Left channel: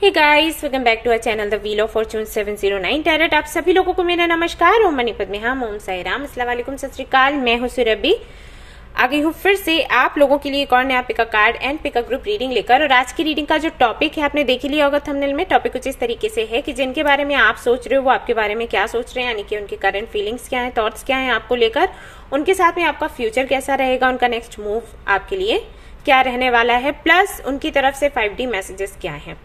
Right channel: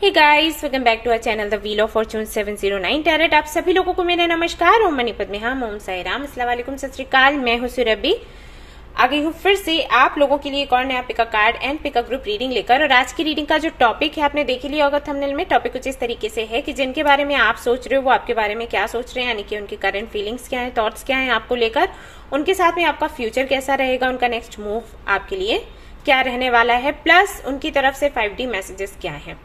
Hey guys, welcome back to our channel the wheel of fortune 709 tarot. आप सभी लोगों को मेरा नमस्कार। ओम मणिपत में हम ओम साई राम, अस्सलाम वालेकुम, सत श्री अकाल। मैं हूं सुरभि, आ गई हूँ फिर से आप लोगों के लिए एक और नया pick a card and pick a group reading लेकर। और आज की रीडिंग का जो टॉपिक है आपने देख ही लिया होगा थंबनेल में। टॉपिक कुछ इस तरीके से है कि जिनके बारे में आप सोच रहे हो वो आपके बारे में क्या सोच रहे हैं, यानी कि उनकी करंट फीलिंग्स क्या है, थॉट्स क्या है आपको लेकर, उनके साथ में आपका फ्यूचर कैसा रहेगा, उनका नेक्स्ट मूव आपके लिए क्या रहने वाला है, प्लस उनकी तरफ से 5D मैसेजेस क्या है।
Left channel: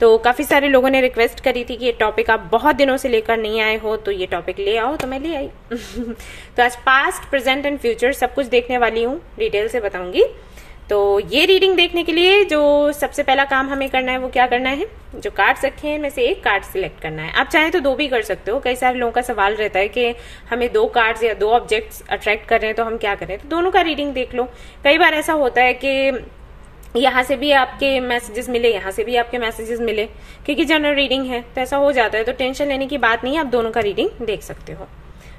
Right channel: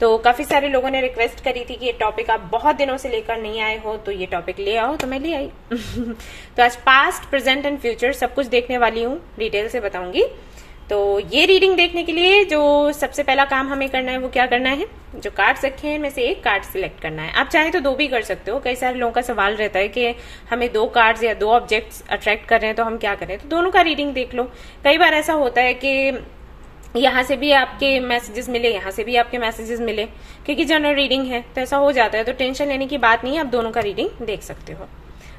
तो काफी सारे लोगों ने रिक्वेस्ट करी थी कि ये टॉपिक आप बहुत दिनों से लेकर नहीं आए हो, तो ये टॉपिक ले आओ, तो मैं ले आई। तो आज पास्ट, प्रेजेंट एंड फ्यूचर सब कुछ देखने वाली हूँ, डिटेल से बताऊंगी। तो ये रीडिंग देखने के लिए जो सबसे पहला काम हमें करना है वो क्या करना है, जो कार्ड्स रखे हैं इनमें से एक कार्ड सिलेक्ट करना है। आप चाहे तो दो भी कर सकते हो। कई सारे लोगों का सवाल रहता है कि हमें दो कार्ड्स या दो ऑब्जेक्ट्स अट्रैक्ट कर रहे हैं तो हम क्या करें, तो दोनों का रीडिंग देख लो। कई बार ऐसा होता है कि यहाँ से भी आपके मैसेजेस मिले, यहाँ से भी आपके मैसेजेस मिले, क्योंकि जनरल रीडिंग है तो ऐसा हो जाता है। तो टेंशन लेने की बात नहीं है, आप दोनों का रीडिंग देख सकते हो।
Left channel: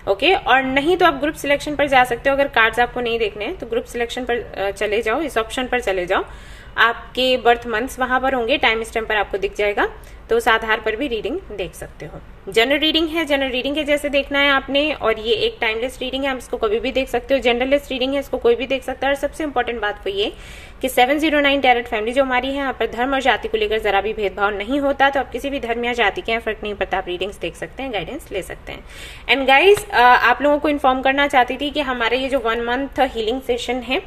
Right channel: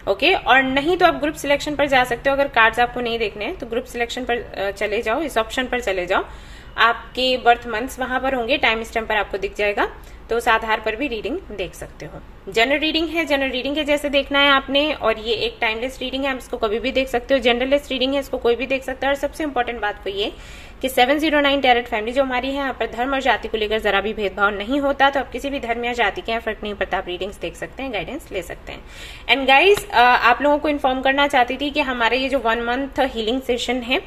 ओके, और नहीं तो आप ग्रुप सिलेक्शन पर जा सकते हो। अगर कार्ड्स आपको नहीं देखने हैं तो ग्रुप सिलेक्शन पर चले जाओ, इस ऑप्शन पर चले जाओ। आपके बर्थ मंथ्स वहां पर होंगे, टाइम स्टैम्प पर आपको दिख जाएगा, तो उस आधार पर भी रीडिंग देख सकते हो। जनरल रीडिंग है, जनरल रीडिंग के जैसे देखना है आपने। और ये एक टाइमलेस रीडिंग है, आप इसको कभी भी देख सकते हो। जनरलेस रीडिंग है, इसको कोई भी देख सकता है। और सबसे इंपॉर्टेंट बात तो ये कि 709 टैरेट फैमिली जो हमारी है, यहाँ पर धर्म और जाति को लेकर जरा भी भेदभाव नहीं होता। तो आप किसी भी धर्म या जाति के यहाँ फर्क नहीं पड़ता, आप रीडिंग्स देख सकते हैं, गाइडेंस ले सकते हैं। एंड गाइज, आप लोगों को इन्फॉर्म करना चाहती थी कि हमारे ये जो 1 मंथ हीलिंग सेशन है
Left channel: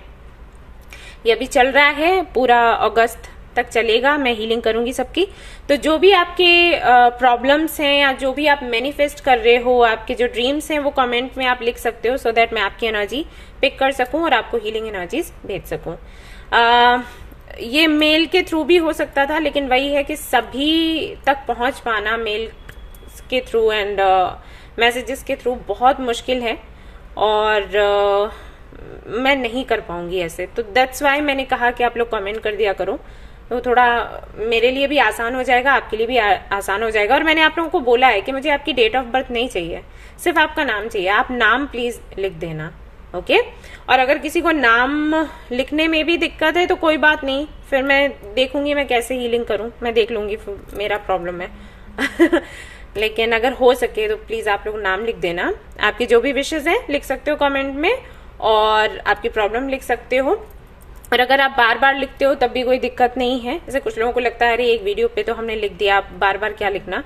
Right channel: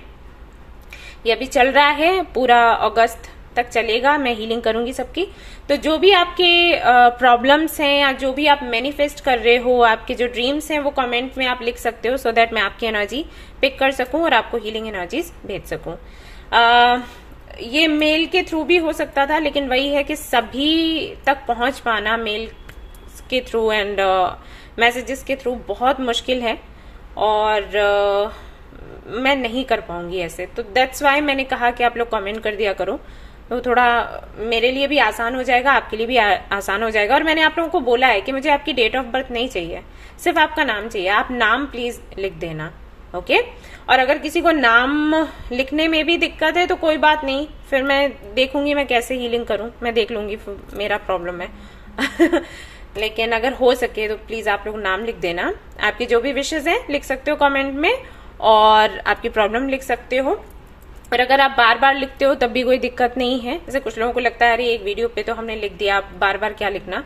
ये अभी चल रहा है, पूरा अगस्त तक चलेगा। मैं हीलिंग करूंगी सबकी। तो जो भी आपके प्रॉब्लम्स हैं या जो भी आप मैनिफेस्ट कर रहे हो, आपके जो ड्रीम्स हैं, वो कमेंट में आप लिख सकते हो, सो दैट मैं आपकी एनर्जी पिक कर सकूं और आपको हीलिंग एनर्जीज भेज सकूं। ये मेल के थ्रू भी हो सकता था, लेकिन वही है कि सभी तक पहुंच पाना मेल के थ्रू एंड मैसेजेस के थ्रू बहुत मुश्किल है, और मैं नहीं कर पाऊंगी ऐसे। तो दैट्स वाई मैंने कहा कि आप लोग कमेंट कर दिया करो, तो थोड़ा मेरे लिए भी आसान हो जाएगा, आपके लिए भी आसान हो जाएगा। और मैंने आप लोगों को बोला है कि मुझे आपकी डेट ऑफ बर्थ नहीं चाहिए, सिर्फ आपका नाम चाहिए। आप नाम प्लीज लिख देना, ओके। और अगर किसी को नाम लिखने में भी दिक्कत है तो कोई बात नहीं, फिर मैं देखूंगी मैं कैसे हीलिंग करूं, मैं देख लूंगी, मेरा प्रॉब्लम है। लेकिन अगर हो सके तो प्लीज आप लोग नाम लिख देना। आपकी जो भी विशेष है लिख सकते हो कमेंट में, और आपकी प्रॉब्लम लिख सकते हो। और अगर आप बार बार लिखते हो तब भी कोई दिक्कत नहीं है। जैसे कुछ लोगों को लगता है अरे एक वीडियो पे तो हमने लिख दिया, आप बार बार क्या लिखना।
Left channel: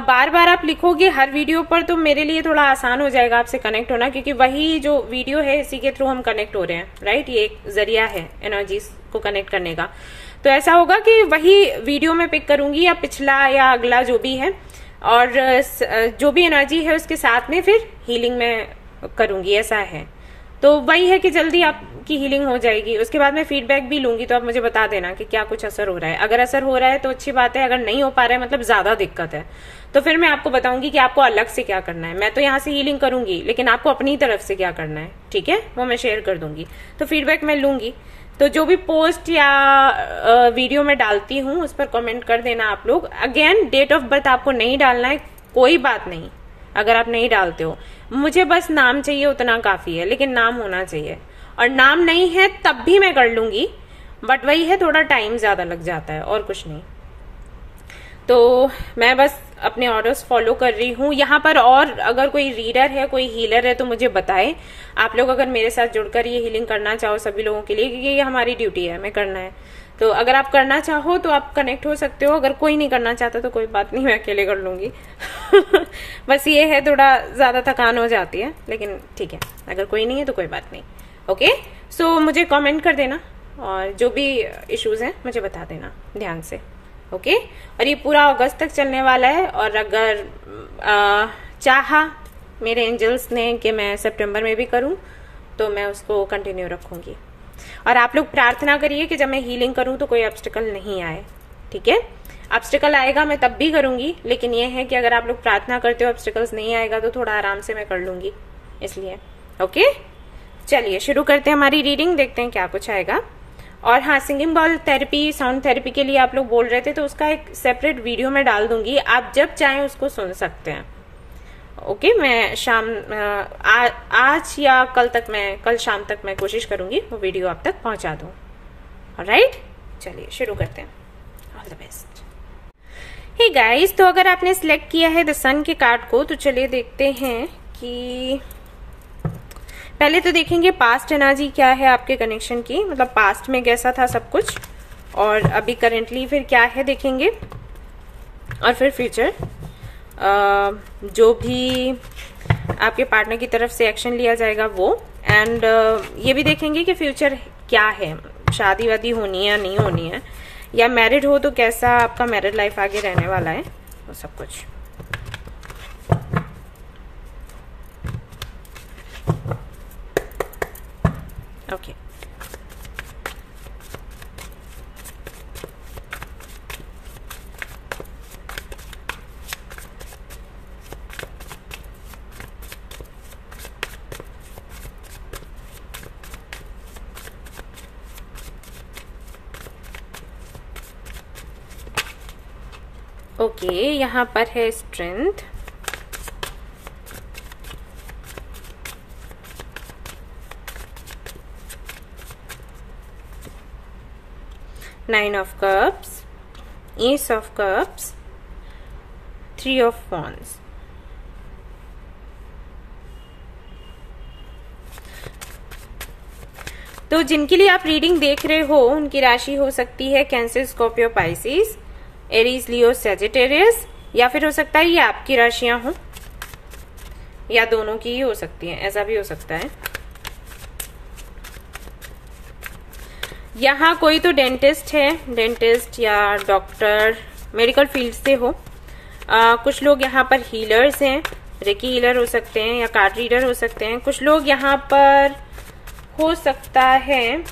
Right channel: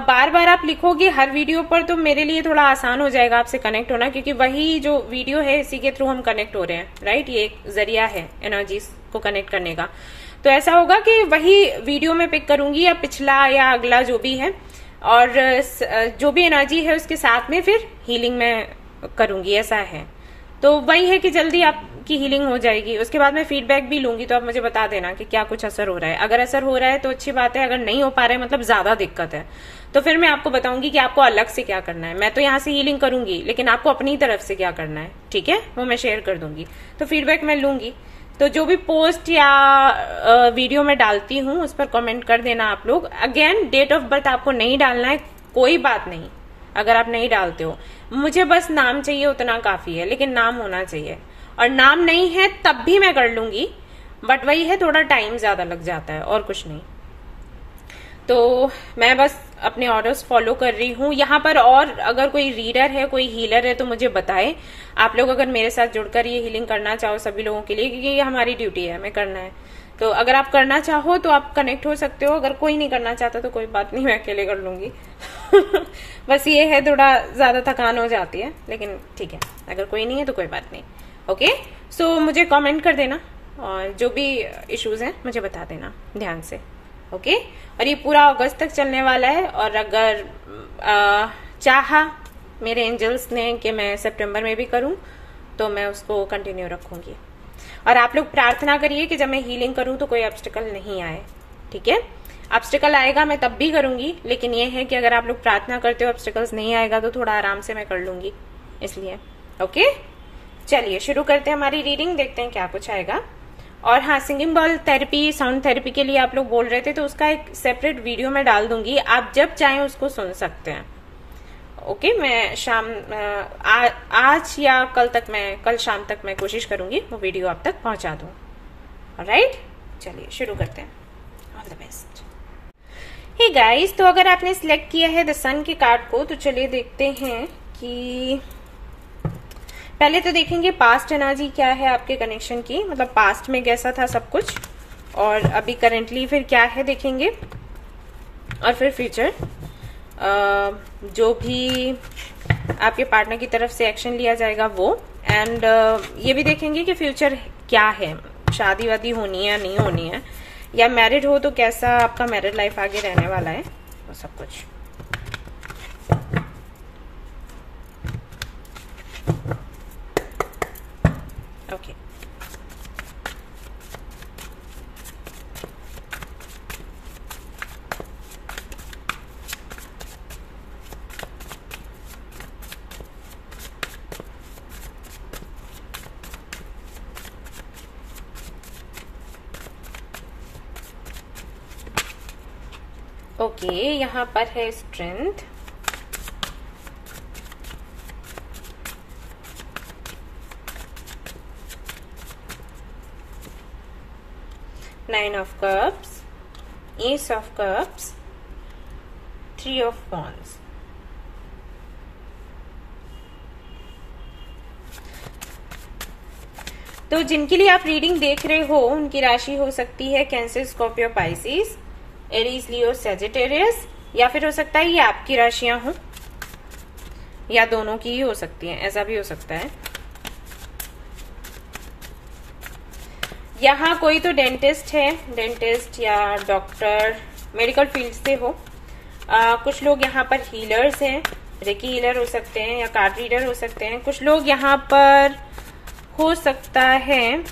बार बार आप लिखोगे हर वीडियो पर तो मेरे लिए थोड़ा आसान हो जाएगा आपसे कनेक्ट होना, क्योंकि वही जो वीडियो है इसी के थ्रू हम कनेक्ट हो रहे हैं, राइट। ये एक जरिया है एनर्जीज को कनेक्ट करने का। तो ऐसा होगा कि वही वीडियो में पिक करूंगी, या पिछला या अगला जो भी है, और जो भी एनर्जी है उसके साथ में फिर हीलिंग में करूंगी, ऐसा है। तो वही है कि जल्दी आपकी हीलिंग हो जाएगी। उसके बाद मैं फीडबैक भी लूंगी, तो आप मुझे बता देना कि क्या कुछ असर हो रहा है। अगर असर हो रहा है तो अच्छी बात है, अगर नहीं हो पा रहा है मतलब ज्यादा दिक्कत है, तो फिर मैं आपको बताऊंगी कि आपको अलग से क्या करना है। मैं तो यहाँ से हीलिंग करूंगी, लेकिन आपको अपनी तरफ से क्या करना है, ठीक है, वो मैं शेयर कर दूंगी। तो फीडबैक मैं लूंगी। तो जो भी पोस्ट या वीडियो में डालती हूँ उस पर कमेंट कर देना आप लोग। अगेन, डेट ऑफ बर्थ आपको नहीं डालना है, कोई बात नहीं। अगर आप नहीं डालते हो, मुझे बस नाम चाहिए, उतना काफी है, लेकिन नाम होना चाहिए। और नाम नहीं है तब भी मैं कर लूंगी, बट वही है थोड़ा टाइम ज्यादा लग जाता है, और कुछ नहीं। तो मैं बस अपने ऑर्डर्स फॉलो कर रही हूँ यहाँ पर। और अगर कोई रीडर है, कोई हीलर है तो मुझे बताए। आप लोग अगर मेरे साथ जुड़कर ये हीलिंग करना चाहो सभी लोगों के लिए, क्योंकि ये हमारी ड्यूटी है, हमें करना है। तो अगर आप करना चाहो तो आप कनेक्ट हो सकते हो। अगर कोई नहीं करना चाहता तो कोई बात नहीं, मैं अकेले कर लूंगी। बस ये है थोड़ा ज्यादा थकान हो जाती है, लेकिन ठीक है, अगर कोई नहीं है तो कोई बात नहीं। ओके, सो मुझे कमेंट कर देना, और जो भी इश्यूज हैं मुझे बता देना ध्यान से, ओके। और ये पूरा अगस्त तक चलने वाला है। और अगर चाहा मेरे एंजल्स ने कि मैं सितंबर में भी करूं तो मैं उसको कंटिन्यू रखूंगी। और आप लोग प्रार्थना करिए कि जब मैं हीलिंग करूं तो कोई ऑब्स्टिकल नहीं आए, ठीक है। ऑब्स्टिकल आएगा मैं तब भी करूंगी, लेकिन ये है कि अगर आप लोग प्रार्थना करते हो ऑब्स्टिकल्स नहीं आएगा तो थोड़ा आराम से मैं कर लूंगी, इसलिए। ओके, चलिए शुरू करते हैं हमारी रीडिंग, देखते हैं क्या कुछ आएगा। और हाँ, singing ball therapy, sound therapy के लिए आप लोग बोल रहे थे, तो उसका एक सेपरेट वीडियो में डाल दूंगी, आप जब चाहें उसको सुन सकते हैं। ओके, मैं आज या कल शाम तक मैं कोशिश करूंगी वो वीडियो आप तक पहुंचा दूं। ऑलराइट, चलिए शुरू करते हैं। All the best. Hey guys, तो अगर आपने सिलेक्ट किया है द सन के कार्ड को तो चलिए देखते हैं कि पहले तो देखेंगे पास्ट एनर्जी क्या है आपके कनेक्शन की, मतलब पास्ट में कैसा था सब कुछ और अभी करेंटली फिर क्या है देखेंगे, और फिर फ्यूचर जो भी आपके पार्टनर की तरफ से एक्शन लिया जाएगा वो, एंड ये भी देखेंगे कि फ्यूचर क्या है, शादी वादी होनी है या नहीं होनी है, या मैरिड हो तो कैसा आपका मैरिड लाइफ आगे रहने वाला है, वो सब कुछ। ओके ओके, यहाँ पर है strength, nine of cups, S of cups, three of wands. तो जिनके लिए आप रीडिंग देख रहे हो उनकी राशि हो सकती है कैंसर, स्कॉर्पियो, पाइसिस, एरीज, लियो, सेजिटेरियस, या फिर हो सकता है ये आपकी राशियां हो या दोनों की ही हो सकती हैं, ऐसा भी हो सकता है। यहाँ कोई तो डेंटिस्ट है, डेंटिस्ट या डॉक्टर, मेडिकल फील्ड से हो। कुछ लोग यहाँ पर हीलर्स हैं, रेकी हीलर हो सकते हैं या कार्ड रीडर हो सकते हैं। कुछ लोग यहाँ पर हो सकता है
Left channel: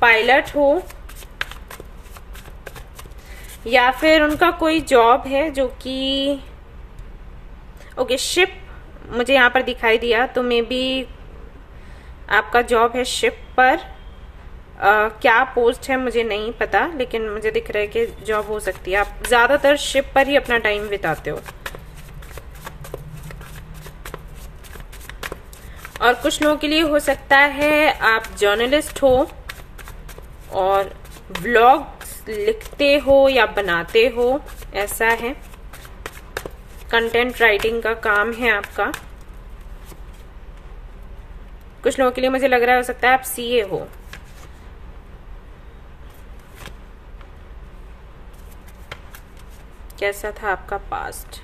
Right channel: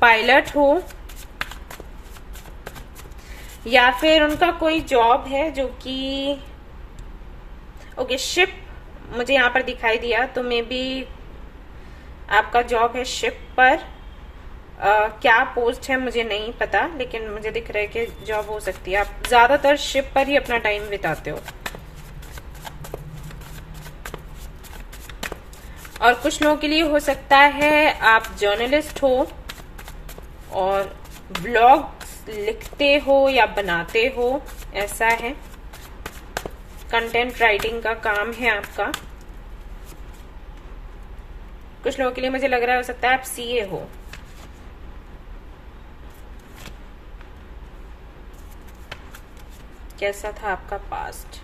पायलट हो, या फिर उनका कोई जॉब है जो कि ओके शिप मुझे यहाँ पर दिखाई दिया, तो मे बी आपका जॉब है शिप पर। क्या पोस्ट है मुझे नहीं पता, लेकिन मुझे दिख रहा है कि जॉब हो सकती है। आप ज्यादातर शिप पर ही अपना टाइम बिताते हो। और कुछ लोगों के लिए हो सकता है आप जर्नलिस्ट हो और ब्लॉग्स लिखते हो या बनाते हो, ऐसा है। कंटेंट राइटिंग का काम है आपका। कुछ लोगों के लिए मुझे लग रहा है हो सकता है आप सीए हो। कैसा था आपका पास्ट?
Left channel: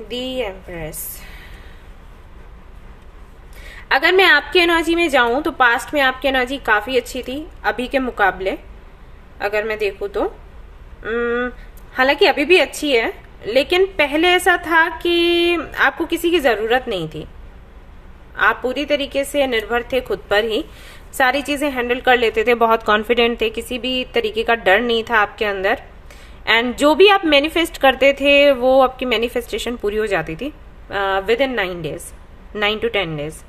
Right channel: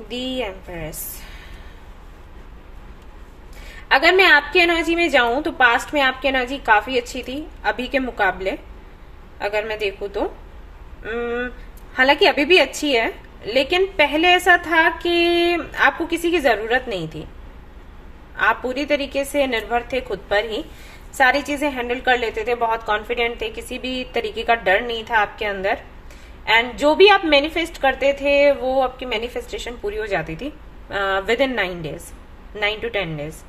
The empress. अगर मैं आपकी एनर्जी में जाऊं तो पास्ट में आपकी एनर्जी काफी अच्छी थी अभी के मुकाबले, अगर मैं देखूं तो। हालांकि अभी भी अच्छी है, लेकिन पहले ऐसा था कि आपको किसी की जरूरत नहीं थी। आप पूरी तरीके से निर्भर थे खुद पर ही, सारी चीजें हैंडल कर लेते थे, बहुत कॉन्फिडेंट थे, किसी भी तरीके का डर नहीं था आपके अंदर। एंड जो भी आप मैनिफेस्ट करते थे वो आपकी मैनिफेस्टेशन पूरी हो जाती थी with in 9 days, 9 to 10 days.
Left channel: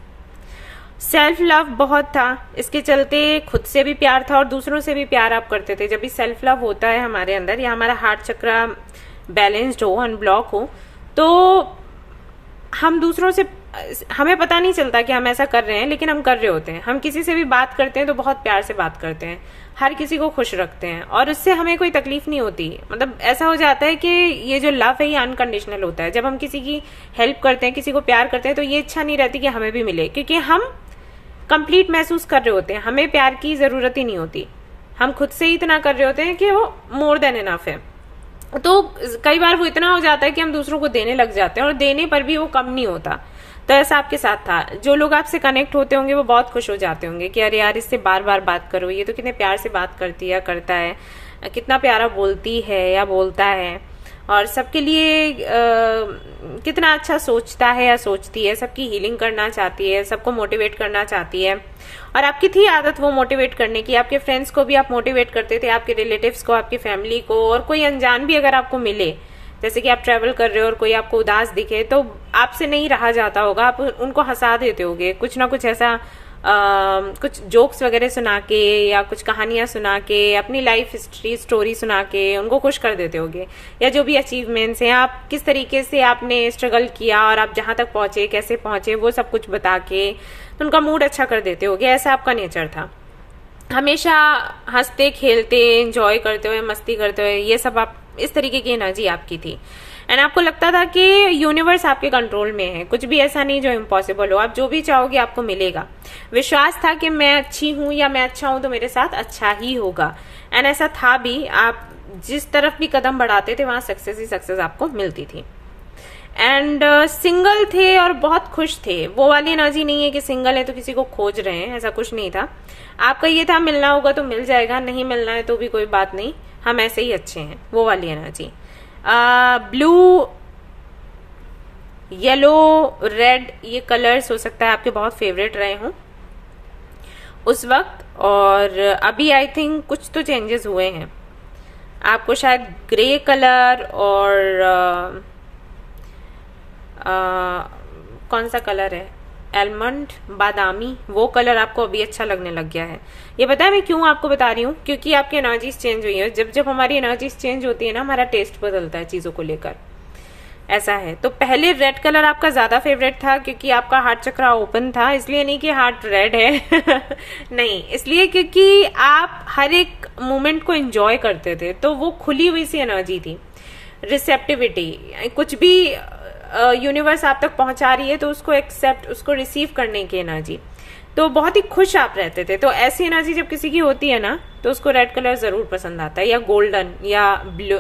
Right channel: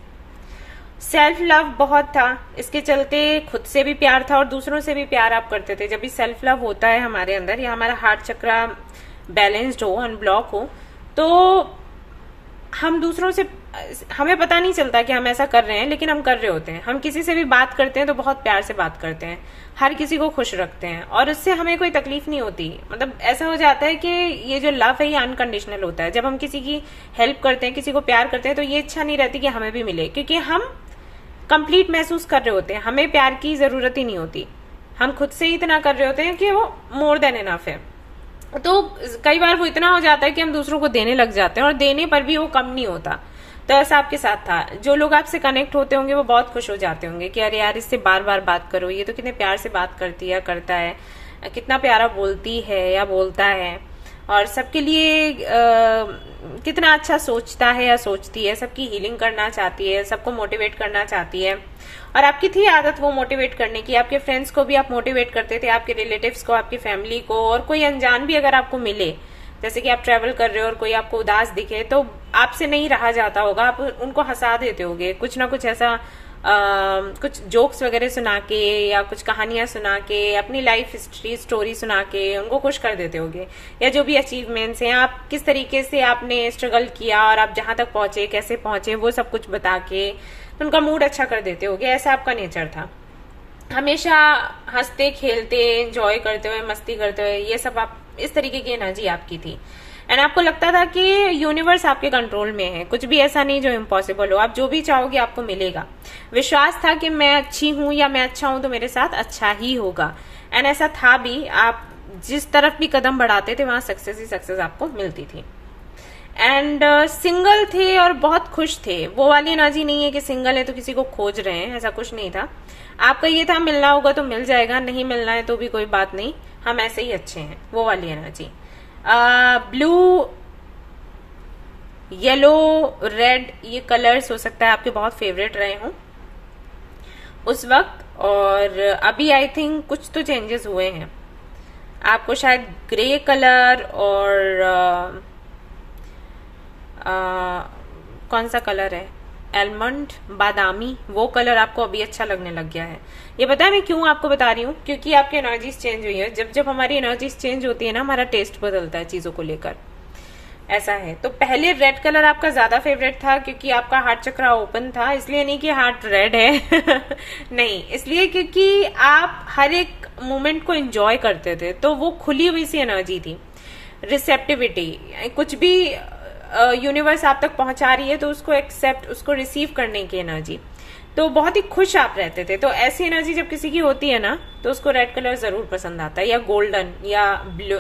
Self love बहुत था, इसके चलते खुद से भी प्यार था और दूसरों से भी प्यार आप करते थे। जब भी सेल्फ लव होता है हमारे अंदर, या हमारा हार्ट चक्र बैलेंस्ड हो, अनब्लॉक हो, तो हम दूसरों से, हमें पता नहीं चलता कि हम ऐसा कर रहे हैं, लेकिन हम कर रहे होते हैं। हम किसी से भी बात करते हैं तो बहुत प्यार से बात करते हैं, हर किसी को खुश रखते हैं और उससे हमें कोई तकलीफ नहीं होती। मतलब ऐसा हो जाता है कि ये जो लव है ये अनकंडीशनल होता है। जब हम किसी की हेल्प करते हैं, किसी को प्यार करते हैं, तो ये इच्छा नहीं रहती कि हमें भी मिले, क्योंकि हम कंप्लीट महसूस कर रहे होते हैं, हमें प्यार की जरूरत ही नहीं होती। हम खुद से ही इतना कर रहे होते हैं कि वो मोर देन इनफ है। तो कई बार वो इतना हो जाता है कि हम दूसरों को देने लग जाते हैं और देने पर भी वो कम नहीं होता। तो ऐसा आपके साथ था। जो लोग आपसे कनेक्ट होते होंगे वो बहुत खुश हो जाते होंगे कि अरे यार इससे बार बार बात करो, ये तो कितने प्यार से बात करती है, करता है, कितना प्यारा बोलती है या बोलता है, और सबके लिए कितना अच्छा सोचता है या सोचती है, सबकी हीलिंग करना चाहती है, सबको मोटिवेट करना चाहती है। और आपकी थी आदत वो मोटिवेट करने की। आपके फ्रेंड्स को भी आप मोटिवेट करते थे, आपके रिलेटिव्स को, आपकी फैमिली को, और कोई अनजान भी अगर आपको मिले, जैसे कि आप ट्रेवल कर रहे हो और कोई आपको उदास दिखे, तो आपसे नहीं रहा जाता होगा, आप उनको हंसा देते होगे, कुछ ना कुछ ऐसा कुछ जोक्स वगैरह सुना के या कुछ कहानियां सुना के, अपनी लाइफ हिस्ट्री स्टोरी सुना के उनको खुश कर देते होगे। या जो भी अचीवमेंट्स हैं, आप किस तरीके से आपने स्ट्रगल किया और आप जहां तक पहुंचे, कैसे पहुंचे, वो सब कुछ बता के उनका मूड अच्छा कर देते होगे। ऐसा आपका नेचर था। हमेशा हंसते खेलते एंजॉय करते हुए मस्ती करते हुए, ये सब आप इस तरीके की एनर्जी आपकी थी। एंड आपको लगता था कि यूनिवर्स आपके कंट्रोल में है, कुछ भी ऐसा नहीं जो इम्पॉसिबल हो, आप जो भी चाहोगे आपको मिलेगा। विश्वास था कि मैं अच्छी हूं या मैं अच्छा हूं तो मेरे साथ अच्छा ही होगा। एंड ऐसा था भी, आप जिस तरफ भी कदम बढ़ाते थे वहां सक्सेस ही सक्सेस आपको मिलती थी। एंड सिंगल थे और बहुत खुश थे। वो वाली एनर्जी नहीं है कि सिंगल है तो किसी को खोज रहे हैं, ऐसा कुछ नहीं था। आपका ये था मिलना होगा तो मिल जाएगा, नहीं मिलना है तो भी कोई बात नहीं, हम ऐसे ही अच्छे हैं, वो वाली एनर्जी। ब्लू, येलो, रेड, ये कलर्स हो सकता है आपके बहुत फेवरेट रहे हों उस वक्त। और अभी आई थिंक कुछ तो चेंजेस हुए हैं। आपको शायद ग्रे कलर और कौन सा कलर है, एलमंड, बादामी, वो कलर आपको अभी अच्छा लगने लग गया है। ये पता है मैं क्यों आपको बता रही हूँ, क्योंकि आपकी एनर्जीज चेंज हुई है। जब जब हमारी एनर्जीज चेंज होती है ना, हमारा टेस्ट बदलता है चीजों को लेकर, ऐसा है। तो पहले रेड कलर आपका ज्यादा फेवरेट था क्योंकि आपका हार्ट चक्रा ओपन था, इसलिए नहीं कि हार्ट रेड है नहीं, इसलिए क्योंकि आप हर एक मोमेंट को एंजॉय करते थे, तो वो खुली हुई सी एनर्जी थी। रिसेप्टिविटी, कुछ भी यूनिवर्स आप तक पहुंचा रही है तो उसको एक्सेप्ट, उसको रिसीव करने की एनर्जी, तो बहुत ही खुश आप रहते थे। तो ऐसी एनर्जी जब किसी की होती है ना तो उसको रेड कलर जरूर पसंद आता है, या गोल्डन, या ब्लू,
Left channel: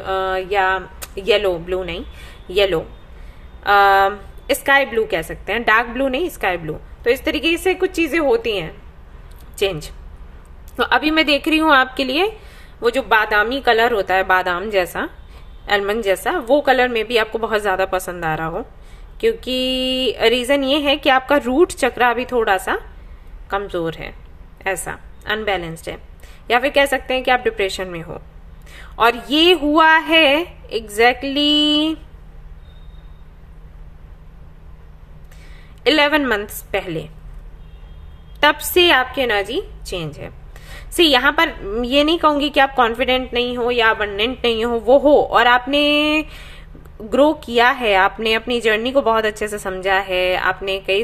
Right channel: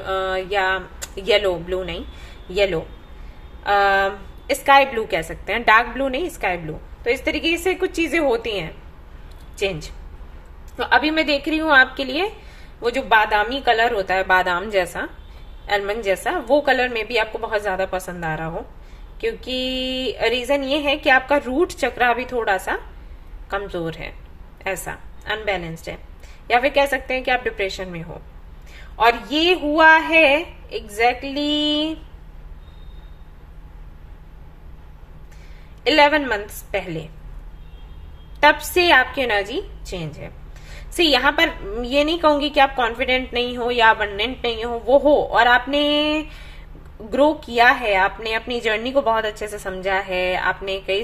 या येलो, ब्लू नहीं येलो, स्काई ब्लू कह सकते हैं, डार्क ब्लू नहीं स्काई ब्लू। तो इस तरीके से कुछ चीजें होती हैं चेंज। तो अभी मैं देख रही हूं आपके लिए वो जो बादामी कलर होता है, बादाम जैसा, एलमंड जैसा, वो कलर में भी आपको बहुत ज्यादा पसंद आ रहा हो, क्योंकि रीजन ये है कि आपका रूट चक्र अभी थोड़ा सा कमजोर है, ऐसा अनबैलेंस्ड है, या फिर कह सकते हैं कि आप डिप्रेशन में हो। और ये हुआ है एग्जैक्टली 11 मंथ्स पहले, तब से आपकी एनर्जी चेंज है। सी यहाँ पर ये नहीं कहूंगी कि आप कॉन्फिडेंट नहीं हो या अबंडेंट नहीं हो, वो हो, और आपने ग्रो किया है, आपने अपनी जर्नी को बहुत अच्छे से समझा है, आपने कई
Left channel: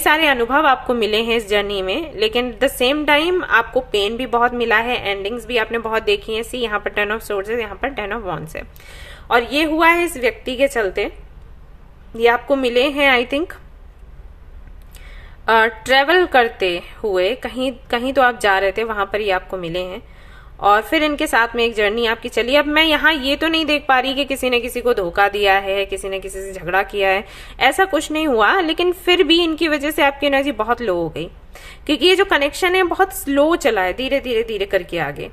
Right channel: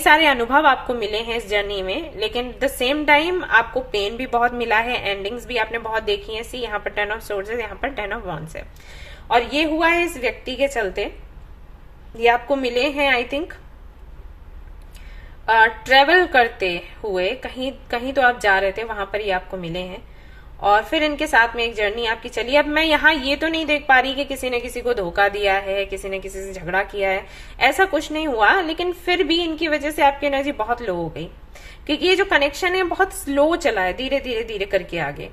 सारे अनुभव आपको मिले हैं इस जर्नी में, लेकिन द सेम टाइम आपको पेन भी बहुत मिला है, एंडिंग्स भी आपने बहुत देखी है। सी यहाँ पर 10 ऑफ सोर्स है, यहाँ पर 10 ऑफ वॉन्ड्स है, और ये हुआ है इस व्यक्ति के चलते। ये आपको मिले हैं आई थिंक ट्रेवल करते हुए, कहीं तो आप जा रहे थे, वहां पर ये आपको मिले हैं, और फिर इनके साथ में एक जर्नी आपकी चली। अब मैं यहाँ ये तो नहीं देख पा रही कि किसी ने किसी को धोखा दिया है, किसी ने किसी से झगड़ा किया है, ऐसा कुछ नहीं हुआ, लेकिन फिर भी इनकी वजह से आपकी एनर्जी बहुत लो हो गई, क्योंकि ये जो कनेक्शन है बहुत स्लो चला है, धीरे धीरे धीरे करके आगे।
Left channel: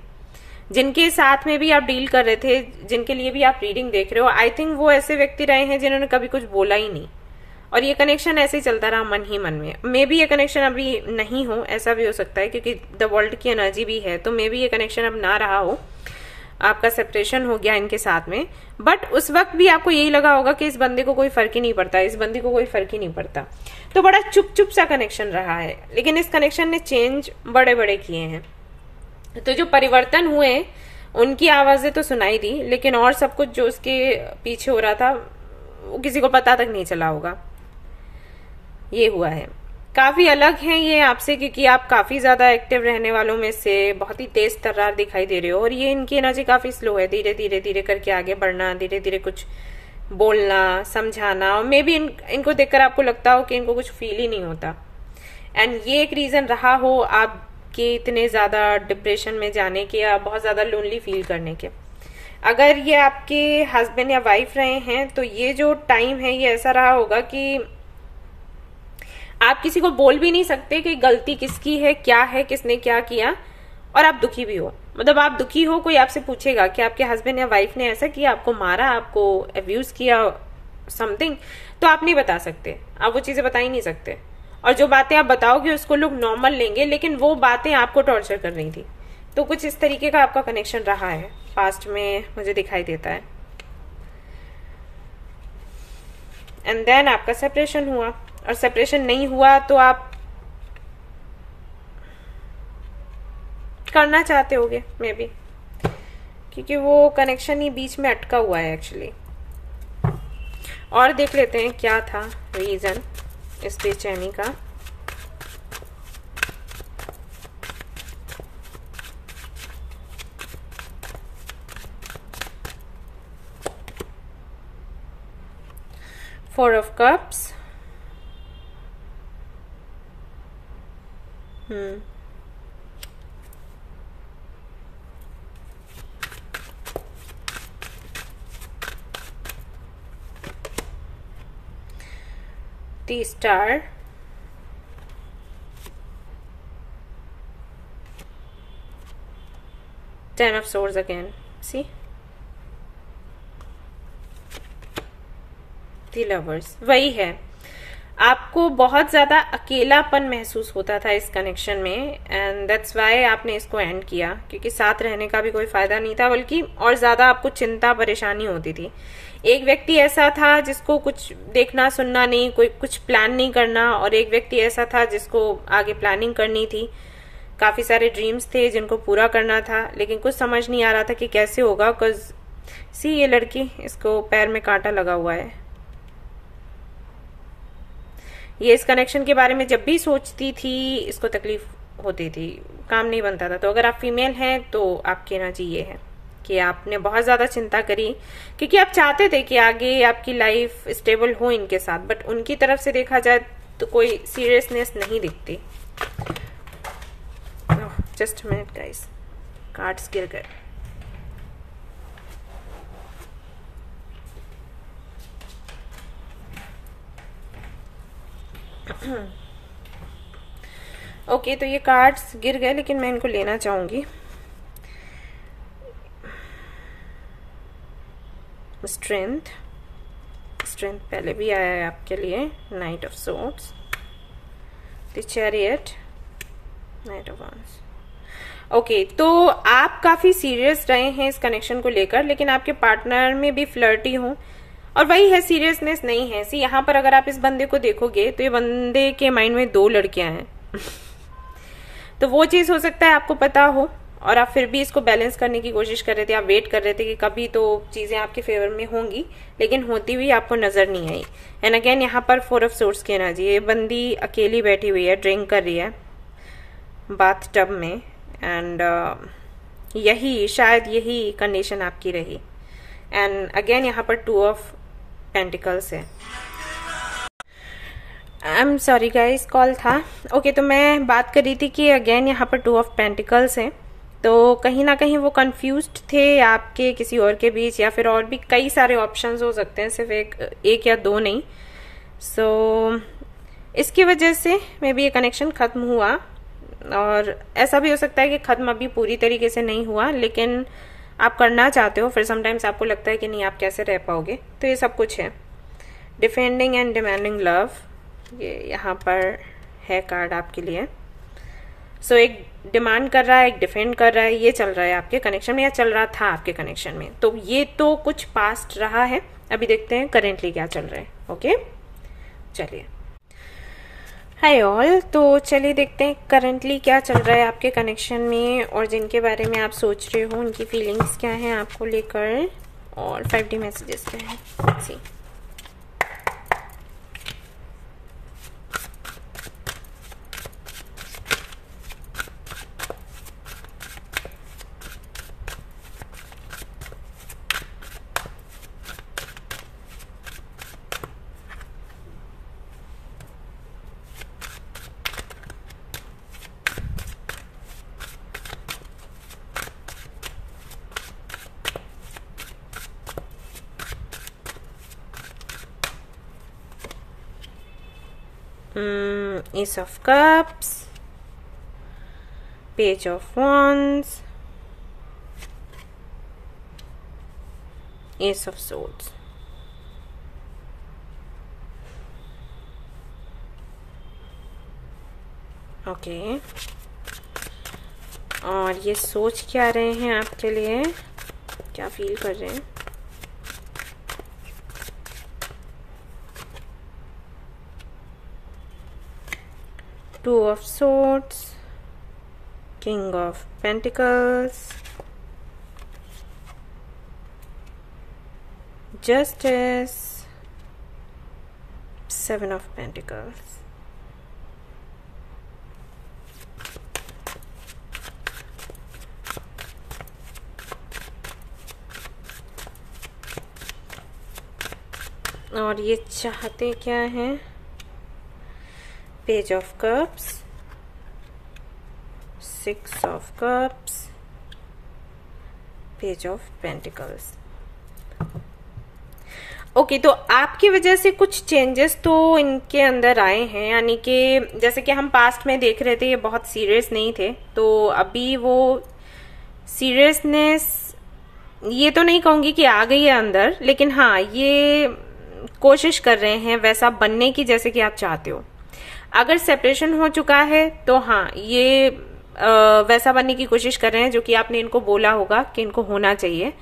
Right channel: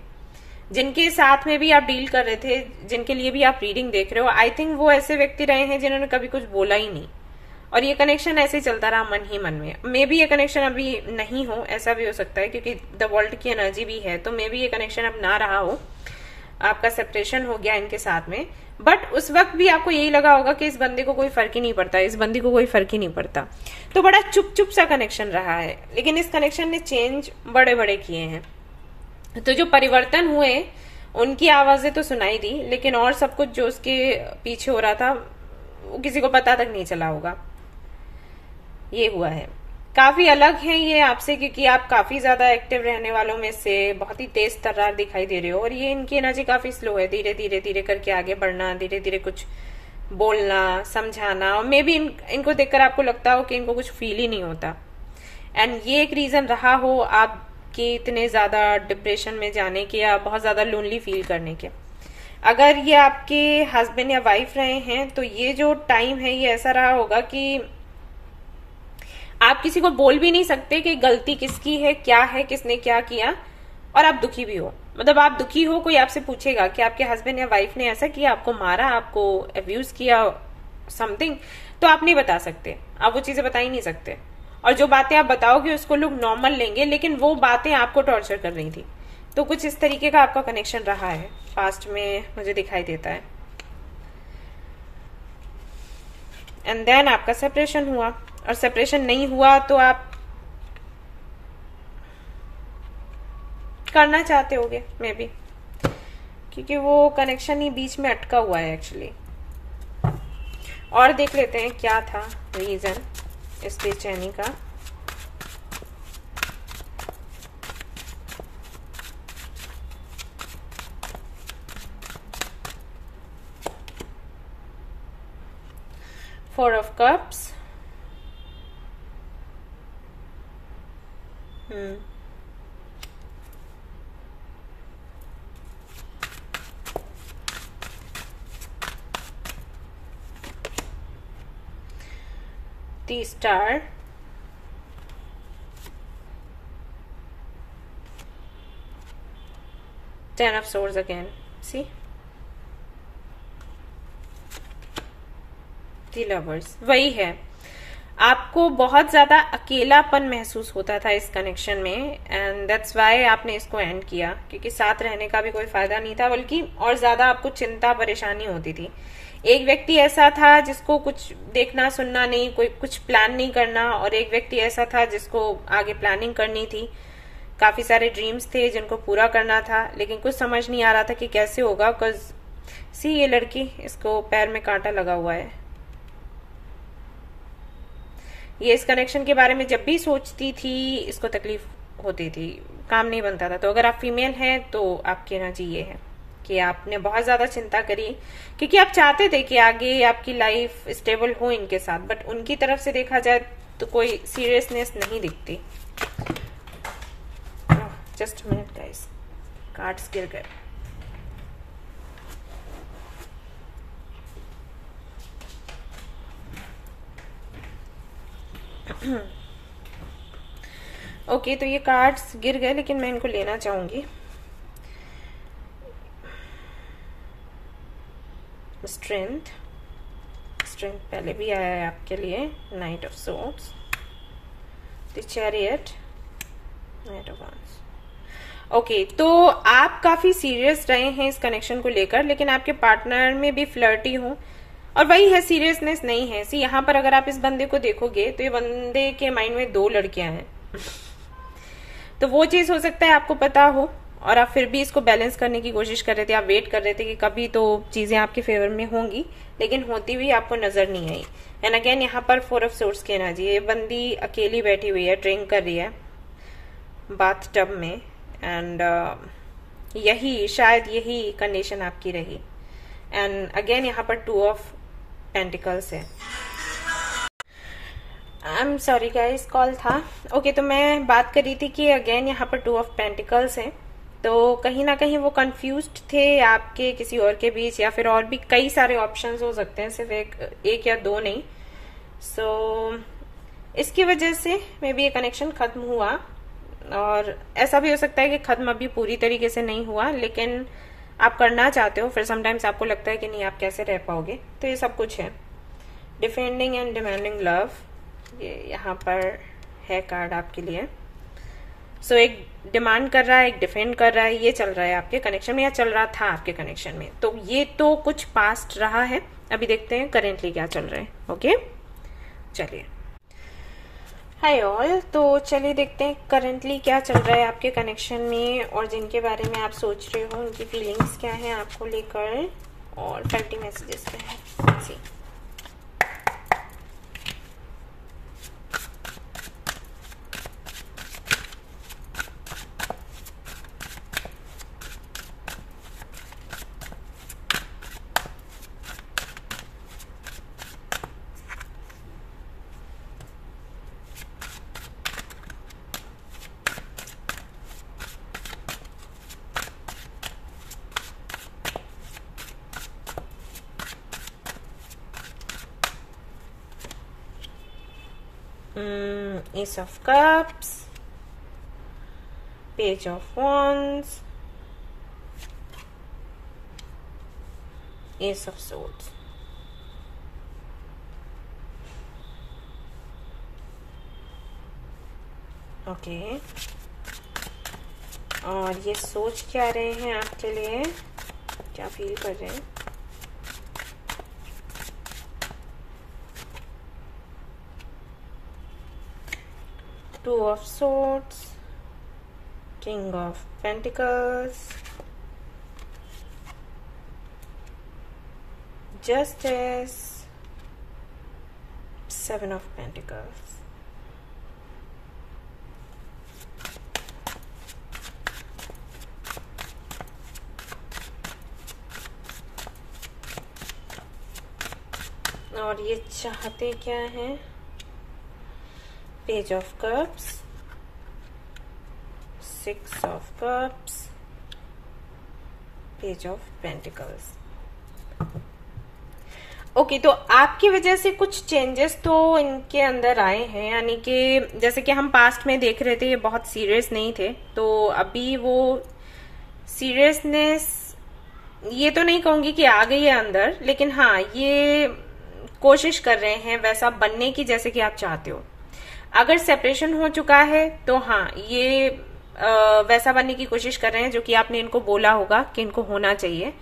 जिनके साथ में भी आप डील कर रहे थे, जिनके लिए भी आप रीडिंग देख रहे हो, आई थिंक वो ऐसे व्यक्ति रहे हैं जिन्होंने कभी कुछ बोला ही नहीं, और ये कनेक्शन ऐसे ही चलता रहा मन ही मन में। मे बी ये कनेक्शन अभी नहीं हो, ऐसा भी हो सकता है, क्योंकि द वर्ल्ड की एनर्जी भी है, तो मे बी ये कनेक्शन अब ना रहा हो, आपका सेपरेशन हो गया इनके साथ में। बट उस वक्त भी आपको यही लगा होगा कि इस बंदे को कोई फर्क ही नहीं पड़ता, इस बंदी को कोई फर्क ही नहीं पड़ता, तो बड़ा चुप चुप सा कनेक्शन रहा है। लेकिन इस कनेक्शन ने चेंज बड़े बड़े किए हैं, तो जो परिवर्तन हुए उनकी आवाजें तो सुनाई दी, लेकिन और सब कुछ जो उसके पीछे हो रहा था वो किसी को पता तक नहीं चला होगा। ये हुआ है, काफी अलग है ये आपसे, क्योंकि आप काफी ज्यादा एक्टिव रहने वालों में से बहुत ही तेज तर्रार दिखाई दे रहे हो, और ये इनकी एनर्जी काफी स्लो है, धीरे धीरे धीरे करके आगे बढ़ना, धीरे धीरे कुछ बोलना, समझाना, और मे बी इनको देखकर आपको लगता हो कि इनको कुछ फील ही नहीं होता। एंड ये एक रीजन रहा हो आपके इतने ज्यादा डिप्रेशन में जाने के, या बहुत ज्यादा लोनली फील करने के। अगर ये आपके हस्बैंड या वाइफ रहे हैं तो ये जो टाइम है ये ऐसा रहा होगा कि आप किसी को बोल भी नहीं सकते कि गलती किसकी है, क्या है, किसने क्या किया, और आप दुखी भी हो। मतलब आप दुखी हो, कोई आपसे पूछेगा कि आपके हस्बैंड या वाइफ ने ऐसा किया, आपको मारा, आपको अब्यूज किया, समथिंग, तो आप नहीं बता सकते, आप वो चीजें बता ही नहीं सकते, और जो बातें आप बताओगे उसको लोग नॉर्मल लेंगे, लेकिन वो बातें आपको टॉर्चर कर रही थी। तो कुछ इस तरीके का आपका कनेक्शन रहा है पास्ट में, मुझे दिखाई देता है। एंड देन आपका सेपरेशन हुआ, और सेपरेशन नहीं हुआ तो आप करना चाहते होगे मे बी, क्योंकि वो कनेक्शन ही बीच में अटका हुआ है एक्चुअली। और देख लेते हैं क्या था रीजन इस बेचैनी का। 4 of Cups. The Star. Ten of Swords again. See? The Lovers. वही है, आपको बहुत ज्यादा अकेलापन महसूस होता था इस कनेक्शन में, एंड दैट्स वाई आपने इसको एंड किया, क्योंकि साथ रहने का भी कोई फायदा नहीं था, बल्कि और ज्यादा आपको चिंता परेशानी होती थी। एक व्यक्ति ऐसा था जिसको कुछ देखना सुनना नहीं, कोई कुछ प्लान नहीं करना, और एक व्यक्ति ऐसा था जिसको आगे प्लानिंग करनी थी। काफी सारे ड्रीम्स थे जिनको पूरा करना था, लेकिन कुछ समझ नहीं आ रहा था कि कैसे होगा। बिकॉज सी, ये लड़की, इसको पैर में कांटा लगा हुआ है। ये इस कनेक्शन के बारे में जब भी सोचती थी इसको तकलीफ होती थी, काम नहीं बनता था। तो अगर आप फीमेल हैं तो आपकी एनर्जी ये है कि आपने बहुत ज्यादा चिंता करी, क्योंकि आप चाहते थे कि आगे आपकी लाइफ स्टेबल हो इनके साथ, बट उनकी तरफ से देखा जाए तो कोई सीरियसनेस नहीं दिखती। जस्ट मिनट गाइस, कार्ड्स गिर गए। ओके, तो ये कार्ड्स गिर गए, लेकिन मैं इनको लेना चाहूंगी। स्ट्रेंथ पहले भी आया है आपके लिए। Night of swords, the chariot, night of wands. Okay, तो आप काफी सीरियस रहे हैं इस कनेक्शन को लेकर, लेकिन आपके पार्टनर में भी फ्लर्टी हो, और वही है, सीरियसनेस नहीं है। सी, यहाँ पर अगर आप इस बंदे को देखोगे तो ये बंदे के माइंड में 2 लड़कियां हैं। तो वो चीज हो सकता है आपको पता हो, और आप फिर भी इसको बैलेंस करने की कोशिश कर रहे थे। आप वेट कर रहे थे कि कभी तो चीजें आपके फेवर में होंगी, लेकिन होती हुई आपको नजर नहीं आई। एंड अगेन यहाँ पर 4 ऑफ सोर्ड्स की एनर्जी। ये बंदी अकेली बैठी हुई है, ड्रिंक कर रही है बाथ टब में, एंड शायद यही कंडीशन आपकी रही। एंड अगेन यहाँ पर 2 ऑफ पेंटिकल्स है। I am sorry guys, call था। ओके, तो मैं बात कर रही थी कि अगेन यहाँ पर 2 ऑफ पेंटिकल्स है, तो कहीं ना कहीं वो कंफ्यूज्ड थे आपके किसी और के बीच, या फिर और भी कई सारे ऑप्शंस हो सकते हैं, सिर्फ एक या 2 नहीं। सो इसकी वजह से मे बी ये कनेक्शन खत्म हुआ, और ऐसा भी हो सकता है कि खत्म अभी पूरी तरीके से नहीं हुआ, लेकिन आप करना चाहते हो। फिर समटाइम्स आपको लगता है कि नहीं, आप कैसे रह पाओगे। तो ये सब कुछ है। डिफेंडिंग एंड डिमांडिंग लव, ये यहाँ पर है कार्ड आपके लिए। सो एक डिमांड कर रहा है, एक डिफेंड कर रहा है, ये चल रहा है आपके कनेक्शन में, या चल रहा था आपके कनेक्शन में। तो ये तो कुछ पास्ट रहा है, अभी देखते हैं करेंटली क्या चल रहा है। ओके, चलिए। हाय ऑल, तो चलिए देखते हैं करेंटली क्या चल रहा है आपके कनेक्शन में, और जिनके बारे में आप सोच रहे हो उनकी फीलिंग्स क्या हैं आपको लेकर, और 5D मैसेजेस क्या हैं। सी, Ace of Cups, Page of Wands, Ace of Swords। Okay, और ये सोच क्या रहे हैं आपके लिए, क्या फील कर रहे हैं। Two of Swords, King of Pentacles, Justice, 7 of Pentacles। और ये चाहते क्या है? Page of cups, 6 of cups, page of pentacles. Okay, तो आपकी वजह से कुछ चेंजेस तो इनके अंदर आए हैं, यानी कि जैसे कि हम पास्ट में देख रहे थे ये बहुत सीरियस नहीं थे, तो अभी वो सीरियसनेस ये तो नहीं कहूंगी कि आ गई है अंदर, लेकिन हाँ ये कोशिश कर रहे हैं वैसा बनने की जैसे कि आप चाहते हो। अगर सेपरेशन हो चुका है तो हाँ ये वैसा बनने की कोशिश कर रहे हैं जो कि आपने इनको बोला होगा कि इनको होना चाहिए,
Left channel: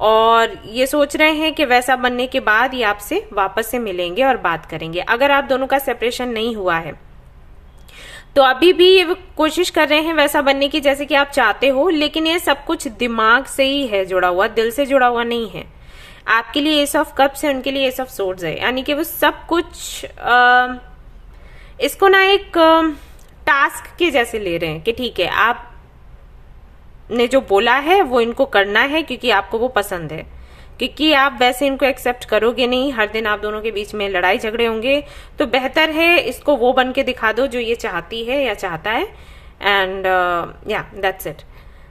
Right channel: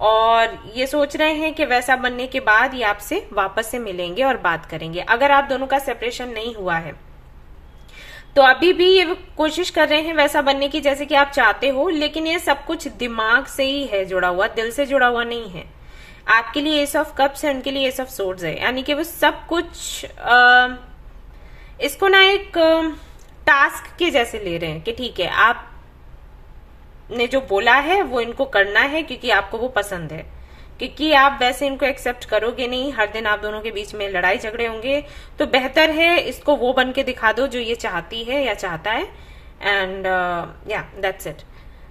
और ये सोच रहे हैं कि वैसा बनने के बाद ये आपसे वापस से मिलेंगे और बात करेंगे। अगर आप दोनों का सेपरेशन नहीं हुआ है तो अभी भी ये कोशिश कर रहे हैं वैसा बनने की जैसे कि आप चाहते हो, लेकिन ये सब कुछ दिमाग से ही है जुड़ा हुआ, दिल से जुड़ा हुआ नहीं है। आपके लिए एस ऑफ कप्स है, उनके लिए एस ऑफ सोर्ड्स है, यानी कि वो सब कुछ इसको ना एक टास्क के जैसे ले रहे हैं कि ठीक है आप ने जो बोला है वो इनको करना है क्योंकि आपको वो पसंद है, क्योंकि आप वैसे इनको एक्सेप्ट करोगे नहीं, हर दिन आप दोनों के बीच में लड़ाई झगड़े होंगे, तो बेहतर है इसको वो बन के दिखा दो जो ये चाहती है या चाहता है। एंड या दैट्स इट।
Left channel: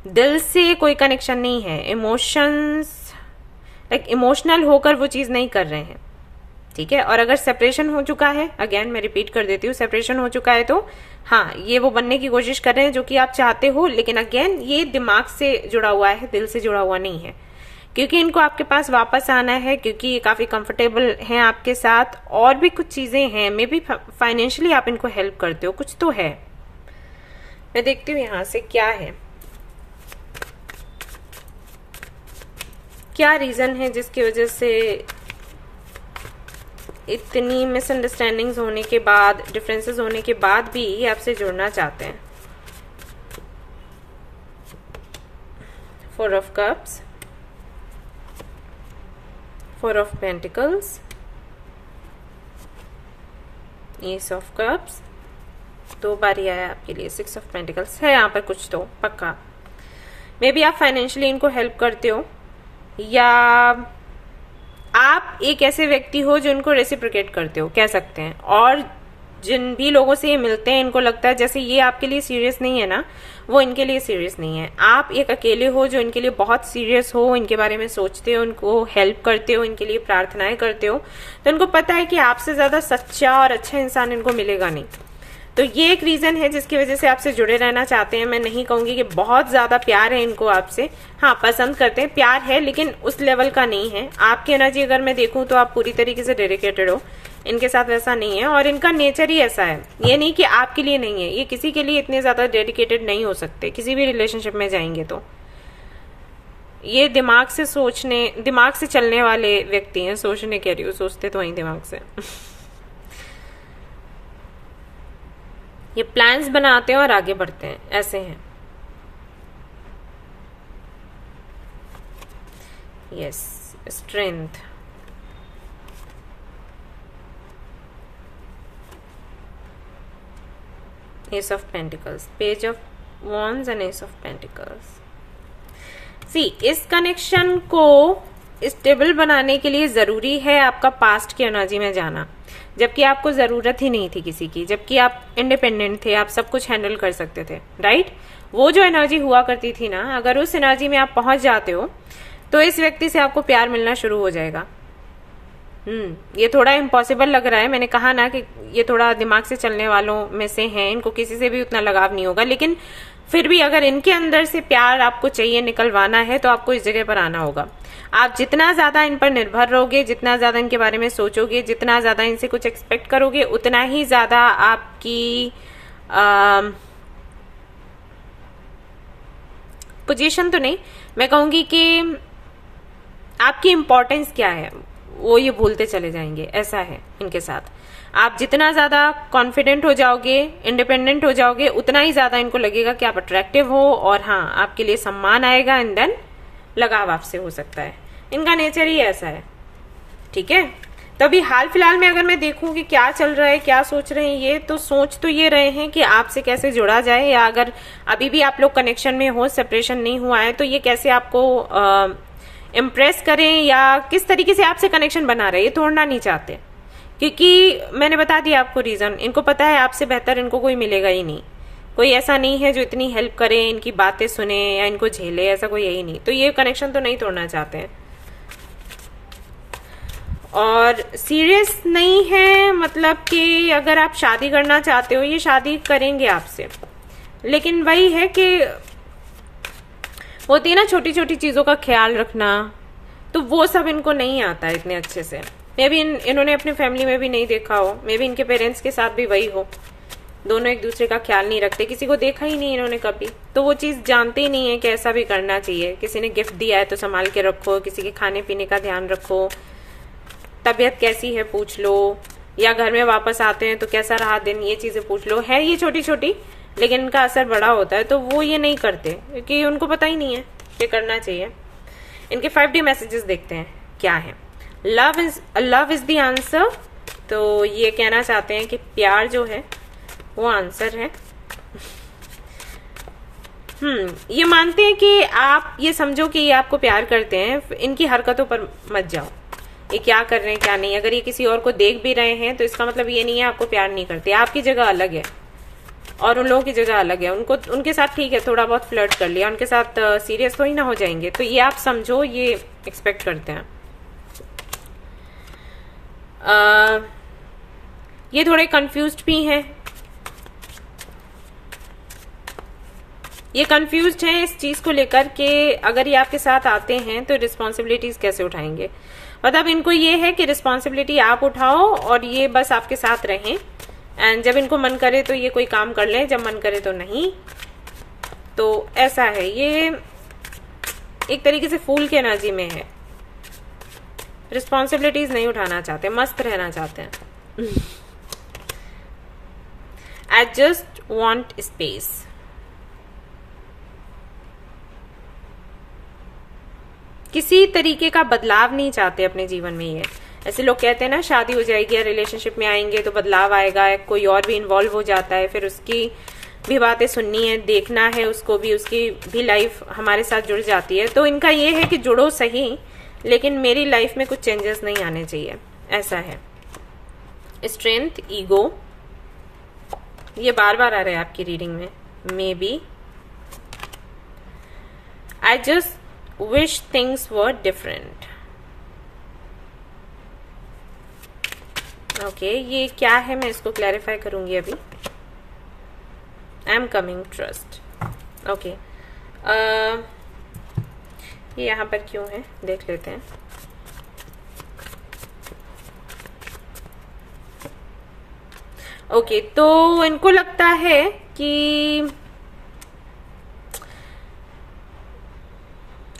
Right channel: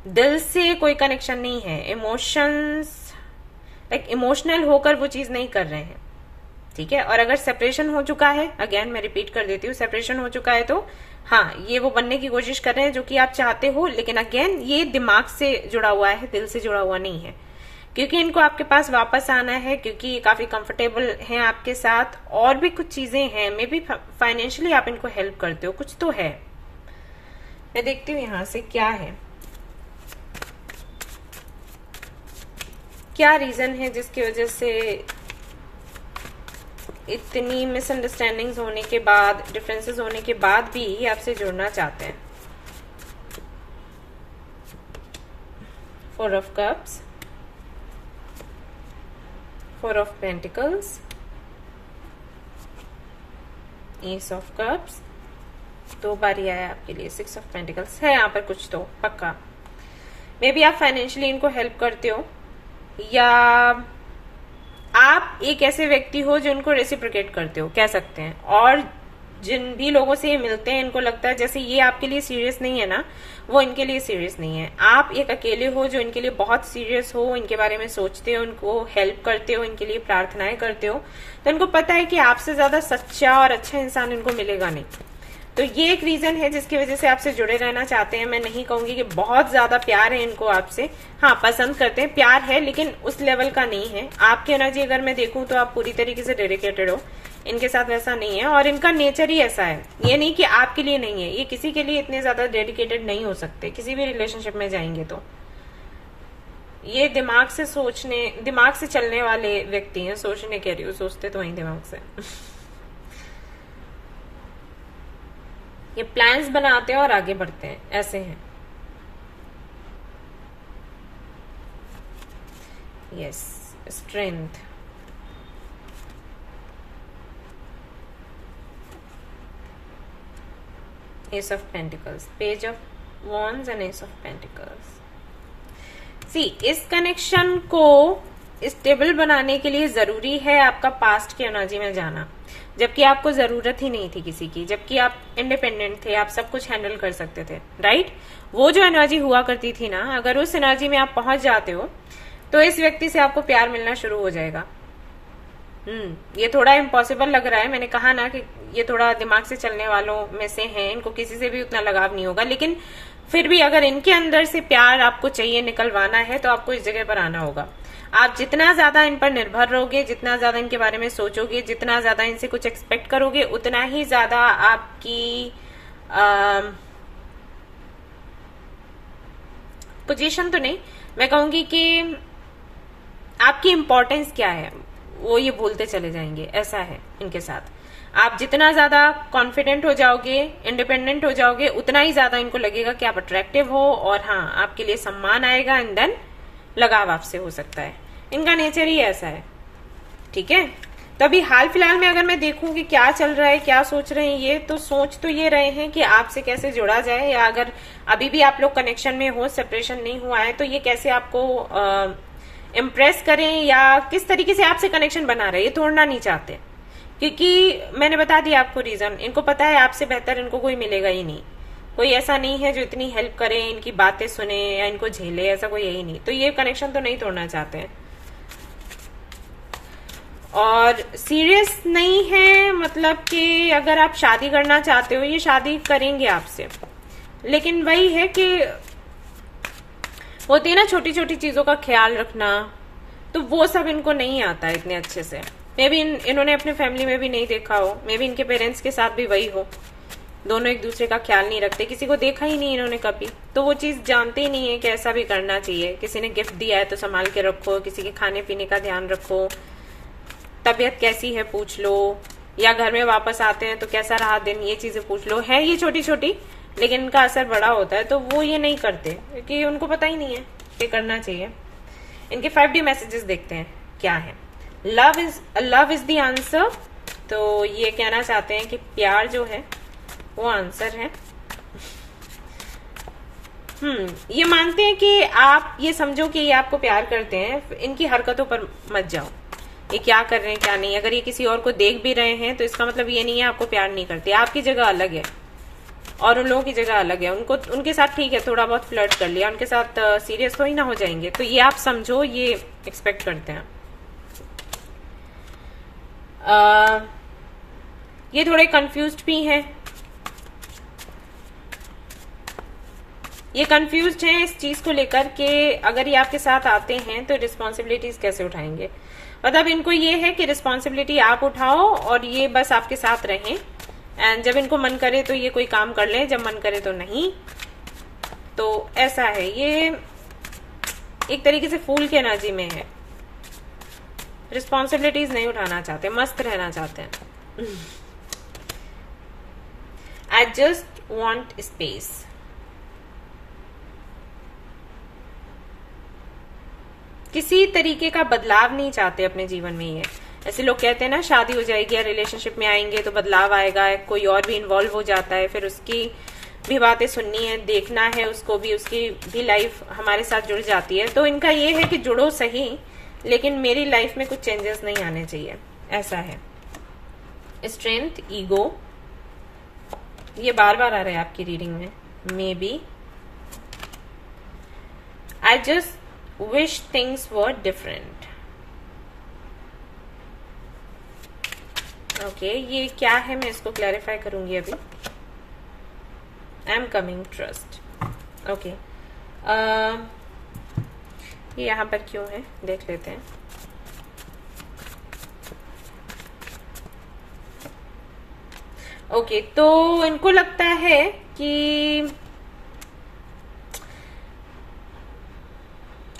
दिल से कोई कनेक्शन नहीं है, इमोशंस लाइक इमोशनल होकर वो चीज नहीं कर रहे हैं, ठीक है। और अगर सेपरेशन हो चुका है, अगेन मैं रिपीट कर देती हूँ, सेपरेशन हो चुका है तो हाँ ये वो बनने की कोशिश कर रहे हैं जो कि आप चाहते हो, लेकिन अगेन ये दिमाग से जुड़ा हुआ है, दिल से जुड़ा हुआ नहीं है, क्योंकि इनको आपके पास वापस आना है, क्योंकि ये काफी कंफर्टेबल हैं आपके साथ, और भी कुछ चीजें हैं, मे बी फाइनेंशियली आप इनको हेल्प करते हो, कुछ तो है। मैं देखती हूँ यहां से क्या है, क्या रीजन है जिसकी वजह से इतनी मिसअंडरस्टैंडिंग्स होने के बाद, डिफरेंसेस होने के बाद भी ये आपसे जुड़ना चाहते हैं। 4 of cups, 4 of pentacles, S of cups, 2 बार ही आया आपके लिए, 6 ऑफ पेंटिकल्स है यहाँ पर कुछ तो पक्का। मे बी आप फाइनेंशियली इनको हेल्प करते हो, या आप एक ऐसे व्यक्ति हो जो इनको रेसिप्रोकेट करते हो, कह सकते हैं। और जिन भी लोगों से ये मिलते हैं इनको लगता है जैसे ये आपके लिए सीरियस नहीं है ना, वो इनके लिए सीरियस नहीं है। आप एक अकेले हो जो इनके लिए बहुत सीरियस हो, इनके बारे में सोचते हो, इनको हेल्प करते हो, इनके लिए प्रार्थनाएं करते हो, तो इनको पता है कि आपसे ज्यादा सच्चा और अच्छा इंसान इनको मिलेगा नहीं। तो ये एक रीजन है जिसकी वजह से आपसे जुड़े रहना चाहते हैं। मैं नहीं कहूंगी कि बहुत ज्यादा प्यार है इनको आपसे, हाँ पसंद करते हैं, प्यार है, लेकिन उस लेवल का नहीं है। आपकी एनर्जी अगर मैं देखूं तो आप पूरी तरीके से डेडिकेटेड हो, इनके साथ वैसा नहीं है, और इनका नेचर ही ऐसा है। ये नहीं कि आपके लिए नहीं है, ये किसी के लिए इतने ज्यादा डेडिकेटेड नहीं हो सकते, किसी भी रिलेशनशिप में जाएंगे तो। ये दिमाग से सोचने, दिमाग से चलने वाले व्यक्ति हैं, सोचने कह रही हूँ, सोचते तो वही दिमाग से। ये प्लान्स बनाते हैं और आगे बढ़ते हैं, ऐसे हैं। Yes, strength, ace of pentacles, page of wands and ace of pentacles. See, इस कनेक्शन को स्टेबल बनाने के लिए जरूरी है आपका पास्ट की एनर्जी में जाना, जबकि आपको जरूरत ही नहीं थी किसी की, जबकि आप इंडिपेंडेंट थे, आप सब कुछ हैंडल कर सकते थे, राइट। वो जो एनर्जी हुआ करती थी ना, अगर उस एनर्जी में आप पहुंच जाते हो तो इस व्यक्ति से आपको प्यार मिलना शुरू हो जाएगा। ये थोड़ा इम्पॉसिबल लग रहा है, मैंने कहा ना कि ये थोड़ा दिमाग से चलने वालों में से हैं, इनको किसी से भी उतना लगाव नहीं होगा, लेकिन फिर भी अगर इनके अंदर से प्यार आपको चाहिए, निकलवाना है, तो आपको इस जगह पर आना होगा। आप जितना ज्यादा इन पर निर्भर रहोगे, जितना ज्यादा इनके बारे में सोचोगे, जितना ज्यादा इनसे कुछ एक्सपेक्ट करोगे, उतना ही ज्यादा आपकी पोजीशन तो नहीं, मैं कहूंगी कि आपकी इंपॉर्टेंस क्या है वो ये भूलते चले जाएंगे, ऐसा है इनके साथ। आप जितना ज्यादा कॉन्फिडेंट हो जाओगे, इंडिपेंडेंट हो जाओगे, उतना ही ज्यादा इनको लगेगा कि आप अट्रैक्टिव हो, और हाँ आपके लिए सम्मान आएगा, एंड देन लगाव आपसे हो सकता है। इनका नेचर ही ऐसा है, ठीक है। तो अभी हाल फिलहाल में अगर मैं देखूं कि क्या चल रहा है, क्या सोच रहे हैं ये, तो सोच तो ये रहे हैं कि आपसे कैसे जुड़ा जाए, या अगर अभी भी आप लोग कनेक्शन में हो, सेपरेशन नहीं हुआ है, तो ये कैसे आपको इम्प्रेस करें या किस तरीके से आपसे कनेक्शन बना रहे, ये तोड़ना नहीं चाहते। क्योंकि मैंने बता दिया आपको रीजन, इनको पता है आपसे बेहतर इनको कोई मिलेगा ही नहीं। कोई ऐसा नहीं है जो इतनी हेल्प करे, इनकी बातें सुने या इनको झेले, ऐसा कोई यही नहीं। तो ये कनेक्शन तो नहीं तोड़ना चाहते हैं। और सीरियस नहीं है, मतलब कि अगर आप शादी करना चाहते हो, ये शादी करेंगे आपसे, लेकिन वही है कि होती है ना छोटी छोटी चीजों का ख्याल रखना, तो वो सब इनको नहीं आता है इतने अच्छे से। मे बी इन्होंने अपनी फैमिली में भी नहीं देखा हो, मे बी इनके पेरेंट्स के साथ भी वही हो, दोनों एक दूसरे का ख्याल नहीं रखते, किसी को देखा ही नहीं इन्होंने कभी, तो वो चीज जानते ही नहीं है कि ऐसा भी करना चाहिए। किसी ने गिफ्ट दिया है तो संभाल के रखो, किसी के खाने पीने का ध्यान रखो, तबीयत कैसी है पूछ लो, या घर में वापस आते हैं तो कैसा रहा दिन, ये चीजें पूछ लो। है ये छोटी छोटी, लेकिन इनका असर बड़ा होता है, तो वो ये नहीं करते क्योंकि उनको पता ही नहीं है कि करना चाहिए। इनके 5D मैसेजेस देखते हैं क्या है। लव इज द आंसर, तो ये कहना चाहते हैं कि प्यार जो है वो आंसर है। ये मानते हैं कि आप ये समझो कि ये आपको प्यार करते हैं, इनकी हरकतों पर मत जाओ, ये क्या कर रहे हैं क्या नहीं। अगर ये किसी और को देख भी रहे हैं तो इसका मतलब ये नहीं है आपको प्यार नहीं करते। आपकी जगह अलग है और उन लोगों की जगह अलग है। उनको उनके साथ ठीक है थोड़ा बहुत फ्लर्ट कर लिया, उनके साथ सीरियस तो ही ना हो जाएंगे, तो ये आप समझो ये एक्सपेक्ट करते हैं। ये थोड़े कंफ्यूज्ड भी हैं, ये कंफ्यूज्ड हैं इस चीज को लेकर कि अगर ये आपके साथ आते हैं तो रिस्पॉन्सिबिलिटीज कैसे उठाएंगे। मतलब इनको ये है कि रिस्पॉन्सिबिलिटी आप उठाओ और ये बस आपके साथ रहें, एंड जब इनको मन करे तो ये कोई काम कर ले, जब मन करे तो नहीं। तो ऐसा है, ये एक तरीके से फूल की एनर्जी में है, रिस्पॉन्सिबिलिटीज नहीं उठाना चाहते, मस्त रहना चाहते हैं। I just want space. किसी तरीके का बदलाव नहीं चाहते अपने जीवन में। ये ऐसे लोग कहते हैं ना शादी हो जाएगी या रिलेशनशिप में आएंगे तो बदलाव आएगा, कोई और भी इन्वॉल्व हो जाता है, फिर उसकी भी बातें सुननी है, देखना है उसको भी, उसकी भी लाइफ हमारे साथ जुड़ जाती है। तो इनका ये है कि जुड़ो सही, लेकिन मेरी लाइफ में कुछ चेंजेस नहीं आने चाहिए, ऐसा है। स्ट्रेंथ, ईगो, ये बार बार आ रहा है आपकी रीडिंग में। Maybe I just wish things were different। Okay, ये क्या है मैं इसको क्लैरिफाई करूंगी अभी। I am coming, trust. Okay, ये यहां पर क्यों है देख लेते हैं। ओके, तो इनको लगता है कि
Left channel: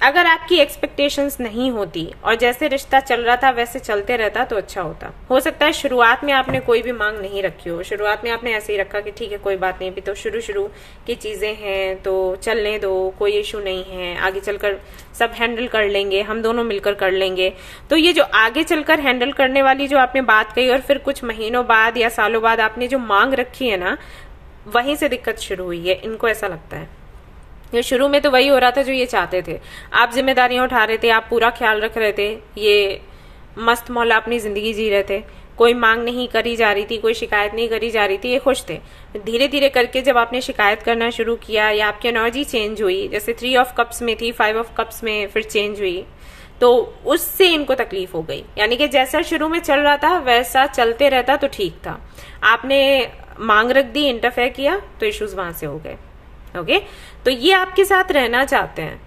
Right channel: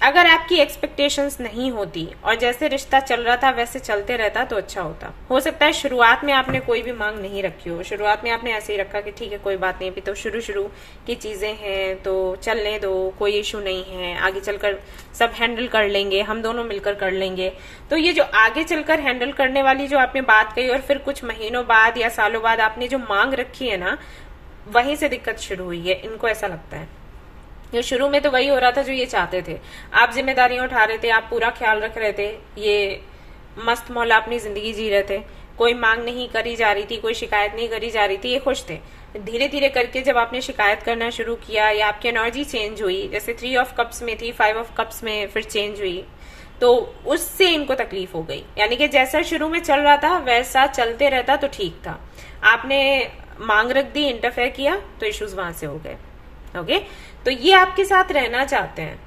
अगर आपकी एक्सपेक्टेशंस नहीं होती और जैसे रिश्ता चल रहा था वैसे चलते रहता तो अच्छा होता। हो सकता है शुरुआत में आपने कोई भी मांग नहीं रखी हो, शुरुआत में आपने ऐसे ही रखा कि ठीक है कोई बात नहीं, अभी तो शुरू की चीजें हैं तो चलने दो, कोई इशू नहीं है, आगे चलकर सब हैंडल कर लेंगे, हम दोनों मिलकर कर लेंगे। तो ये जो आगे चलकर हैंडल करने वाली जो आपने बात कही और फिर कुछ महीनों बाद या सालों बाद आपने जो मांग रखी है ना, वहीं से दिक्कत शुरू हुई है। इनको ऐसा लगता है ये शुरू में तो वही हो रहा था जो ये चाहते थे। आप जिम्मेदारियां उठा रहे थे, आप पूरा ख्याल रख रहे थे, ये मस्त मौला अपनी जिंदगी जी रहे थे, कोई मांग नहीं करी जा रही थी, कोई शिकायत नहीं करी जा रही थी, ये खुश थे। धीरे धीरे करके जब आपने शिकायत करना शुरू किया या आपकी एनर्जी चेंज हुई, जैसे 3 ऑफ कप्स में थी 5 ऑफ कप्स में फिर चेंज हुई, तो उससे इनको तकलीफ हो गई। यानी कि जैसा शुरू में चल रहा था वैसा चलते रहता तो ठीक था, आपने मांग रख दी, इंटरफेयर किया तो इश्यूज वहां से हो गए। ओके, तो ये आपके साथ रहना चाहते हैं,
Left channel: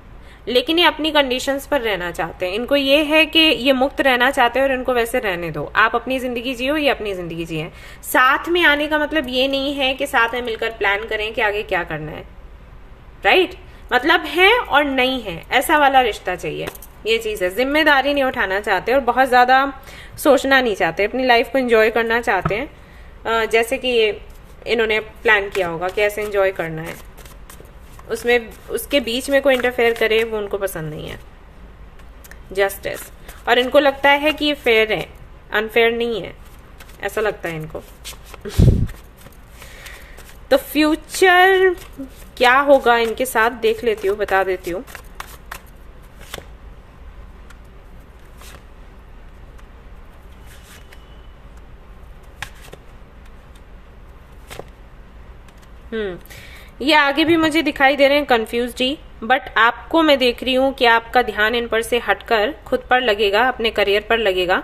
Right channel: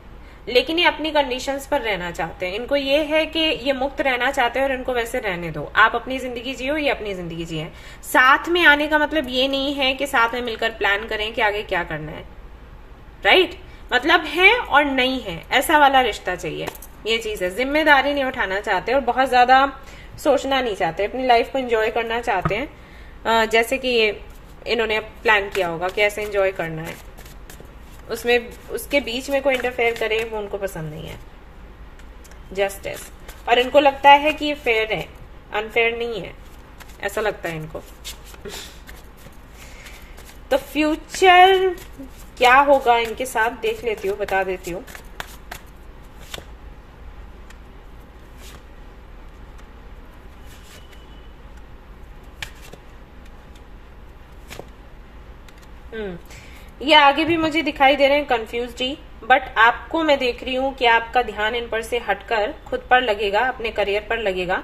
लेकिन ये अपनी कंडीशंस पर रहना चाहते हैं। इनको ये है कि ये मुक्त रहना चाहते हैं और इनको वैसे रहने दो, आप अपनी जिंदगी जियो, ये अपनी जिंदगी जिए। साथ में आने का मतलब ये नहीं है कि साथ में मिलकर प्लान करें कि आगे क्या करना है, राइट? मतलब है और नहीं है, ऐसा वाला रिश्ता चाहिए। ये चीज है, जिम्मेदारी नहीं उठाना चाहते और बहुत ज्यादा सोचना नहीं चाहते, अपनी लाइफ को एंजॉय करना चाहते हैं। जैसे कि ये इन्होंने प्लान किया होगा कि ऐसे एंजॉय करना है, उसमें उसके बीच में कोई इंटरफेयर करे वो उनको पसंद नहीं है। जस्टिस, और इनको लगता है कि ये फेयर है, अनफेयर नहीं है, ऐसा लगता है इनको। तो फ्यूचर क्या होगा इनके साथ देख लेती हूँ, बता देती हूँ। ये आगे भी मुझे दिखाई दे रहे हैं कंफ्यूज्ड ही, बट आपको मैं देख रही हूँ कि आपका ध्यान इन पर से हटकर खुद पर लगेगा, अपने करियर पर लगेगा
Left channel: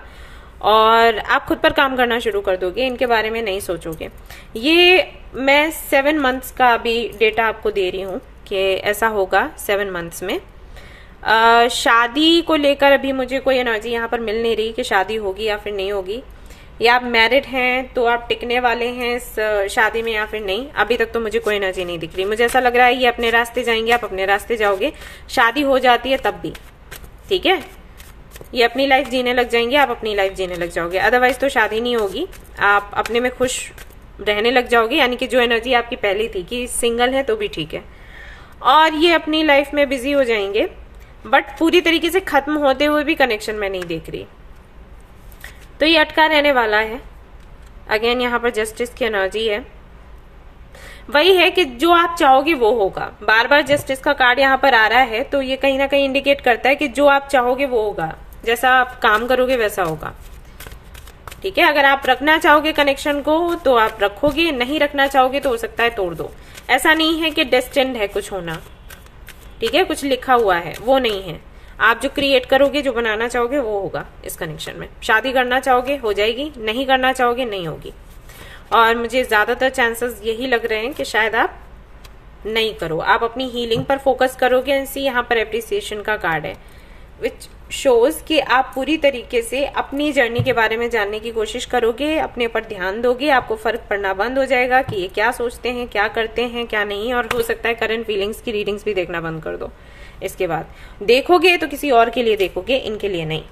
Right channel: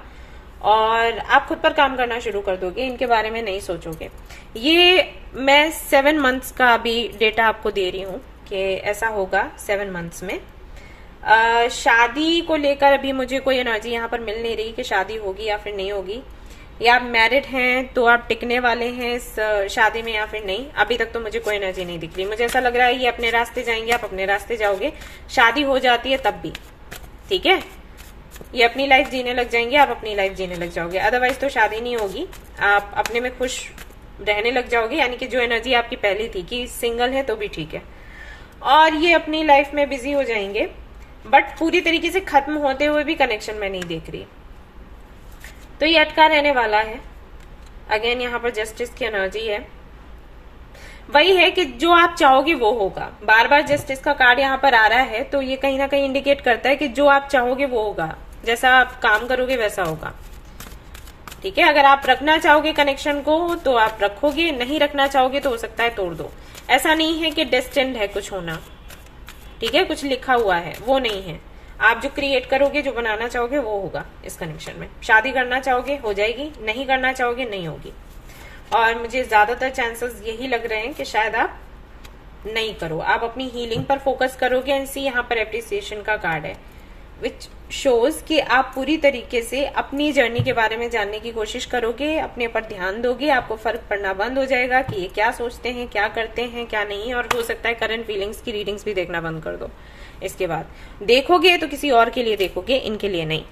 और आप खुद पर काम करना शुरू कर दोगे, इनके बारे में नहीं सोचोगे। ये मैं 7 मंथ्स का अभी डेटा आपको दे रही हूँ कि ऐसा होगा 7 मंथ्स में। शादी को लेकर अभी मुझे कोई एनर्जी यहाँ पर मिल नहीं रही कि शादी होगी या फिर नहीं होगी, या आप मैरिड हैं तो आप टिकने वाले हैं इस शादी में या फिर नहीं। अभी तक तो मुझे कोई एनर्जी नहीं दिख रही। मुझे ऐसा लग रहा है ये अपने रास्ते जाएंगे, आप अपने रास्ते जाओगे, शादी हो जाती है तब भी, ठीक है। ये अपनी लाइफ जीने लग जाएंगे, आप अपनी लाइफ जीने लग जाओगे, अदरवाइज तो शादी नहीं होगी, आप अपने में खुश रहने लग जाओगे। यानी कि जो एनर्जी आपकी पहली थी कि सिंगल है तो भी ठीक है, और ये अपनी लाइफ में बिजी हो जाएंगे, बट पूरी तरीके से खत्म होते हुए भी कनेक्शन में नहीं देख रही। तो ये अटका रहने वाला है। अगेन यहाँ पर जस्टिस की एनर्जी है, वही है कि जो आप चाहोगे वो होगा। बार बार जस्टिस का कार्ड यहाँ पर आ रहा है, तो ये कहीं ना कहीं इंडिकेट करता है कि जो आप चाहोगे वो होगा, जैसा आप काम करोगे वैसा होगा, ठीक है। अगर आप रखना चाहोगे कनेक्शन को तो आप रखोगे, नहीं रखना चाहोगे तो हो सकता है तोड़ दो। ऐसा नहीं है कि डेस्टिन्ड है कुछ होना, ठीक है, कुछ लिखा हुआ है, वो नहीं है। आप जो क्रिएट करोगे, जो बनाना चाहोगे वो होगा इस कनेक्शन में। शादी करना चाहोगे हो जाएगी, नहीं करना चाहोगे नहीं होगी, और मुझे ज्यादातर चांसेस यही लग रहे हैं कि शायद आप नहीं करो, आप अपनी हीलिंग पर फोकस करोगे। एंड सी यहाँ पर एप्रिसिएशन का कार्ड है, विच शोज कि आप पूरी तरीके से अपनी जर्नी के बारे में जानने की कोशिश करोगे, अपने पर ध्यान दोगे, आपको फर्क पड़ना बंद हो जाएगा कि ये क्या सोचते हैं, क्या करते हैं, क्या नहीं। और हो सकता है करंट फीलिंग्स की रीडिंग्स भी देखना बंद कर दो। इसके बाद देखोगे तो किसी और के लिए देखोगे, इनके लिए नहीं।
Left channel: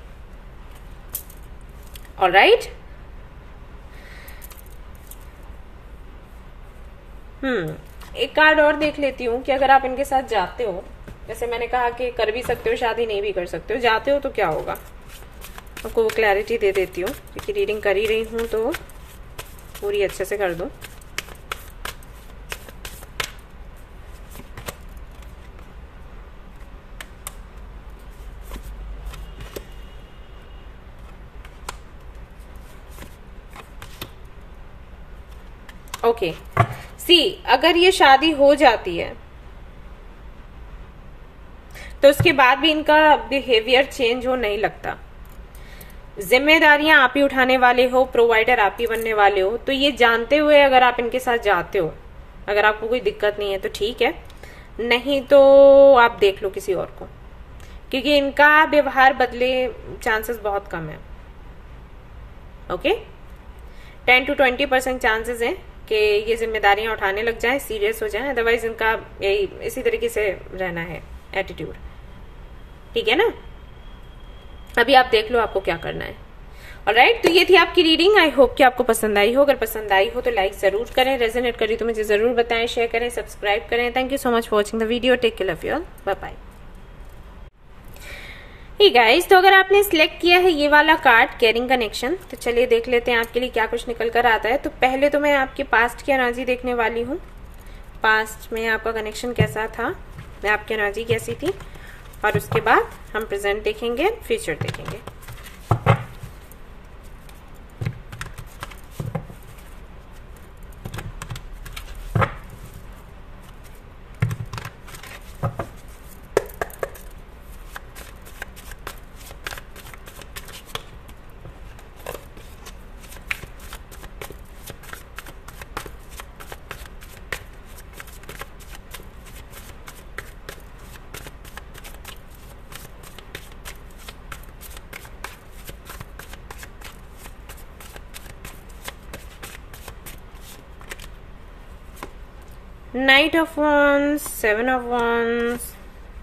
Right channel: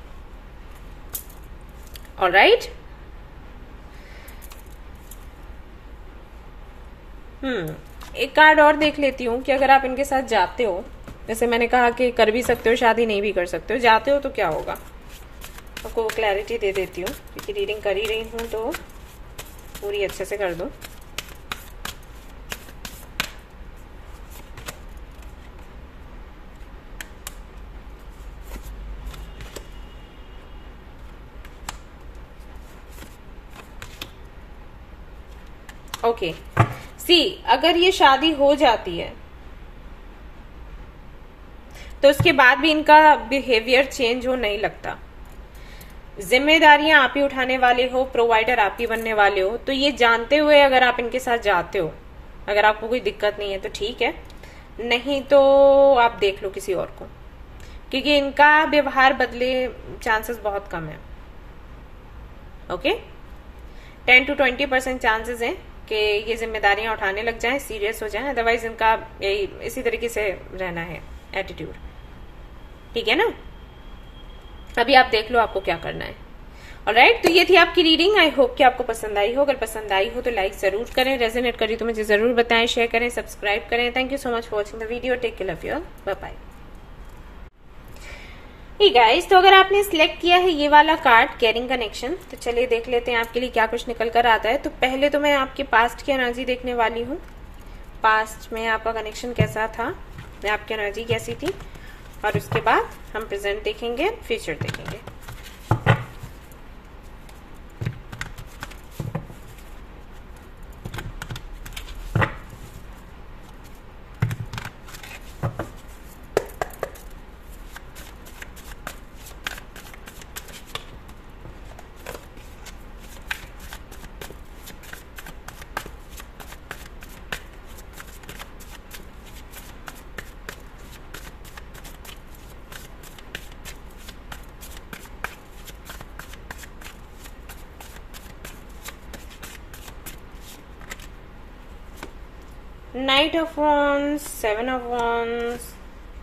ऑलराइट, एक कार्ड और देख लेती हूँ कि अगर आप इनके साथ जाते हो, जैसे मैंने कहा कि कर भी सकते हो शादी, नहीं भी कर सकते हो, जाते हो तो क्या होगा, आपको वो क्लैरिटी दे देती हूँ, क्योंकि रीडिंग कर ही रही हूँ तो पूरी अच्छे से कर दो। ओके, सी अगर ये शादी हो जाती है तो उसके बाद भी इनका बिहेवियर चेंज हो नहीं लगता। जिम्मेदारियां आप ही उठाने वाले हो, प्रोवाइडर आप ही बनने वाले हो। तो ये जानते हुए अगर आप इनके साथ जाते हो, अगर आपको कोई दिक्कत नहीं है तो ठीक है, नहीं तो आप देख लो किसी और को, क्योंकि इनका व्यवहार बदले चांसेस बहुत कम है। ओके, 10 to 20% चांसेस है कि ये जिम्मेदारियां उठाने लग जाएं, सीरियस हो जाएं, अदरवाइज इनका यही इसी तरीके से रहना है एटीट्यूड, ठीक है ना। अभी आप देख लो आपको क्या करना है। ऑलराइट, तो ये थी आपकी रीडिंग। आई होप कि आपको पसंद आई हो। अगर पसंद आई हो तो लाइक जरूर करें, रेजोनेट करी तो मुझे जरूर बताएं, शेयर करें, सब्सक्राइब करें। Thank you so much for watching the video. Take care, love you all, bye bye. Hey guys, तो अगर आपने सिलेक्ट किया है ये वाला कार्ड केयरिंग कनेक्शन, तो चलिए देख लेते हैं आपके लिए क्या कुछ निकल कर आता है। तो पहले तो मैं आपके पास्ट की एनर्जी देखने वाली हूँ। पास्ट में आपका कनेक्शन कैसा था, आपकी एनर्जी कैसी थी, और उसके बाद हम प्रेजेंट देखेंगे, फ्यूचर देखेंगे। Knight of Wands, 7 of Wands,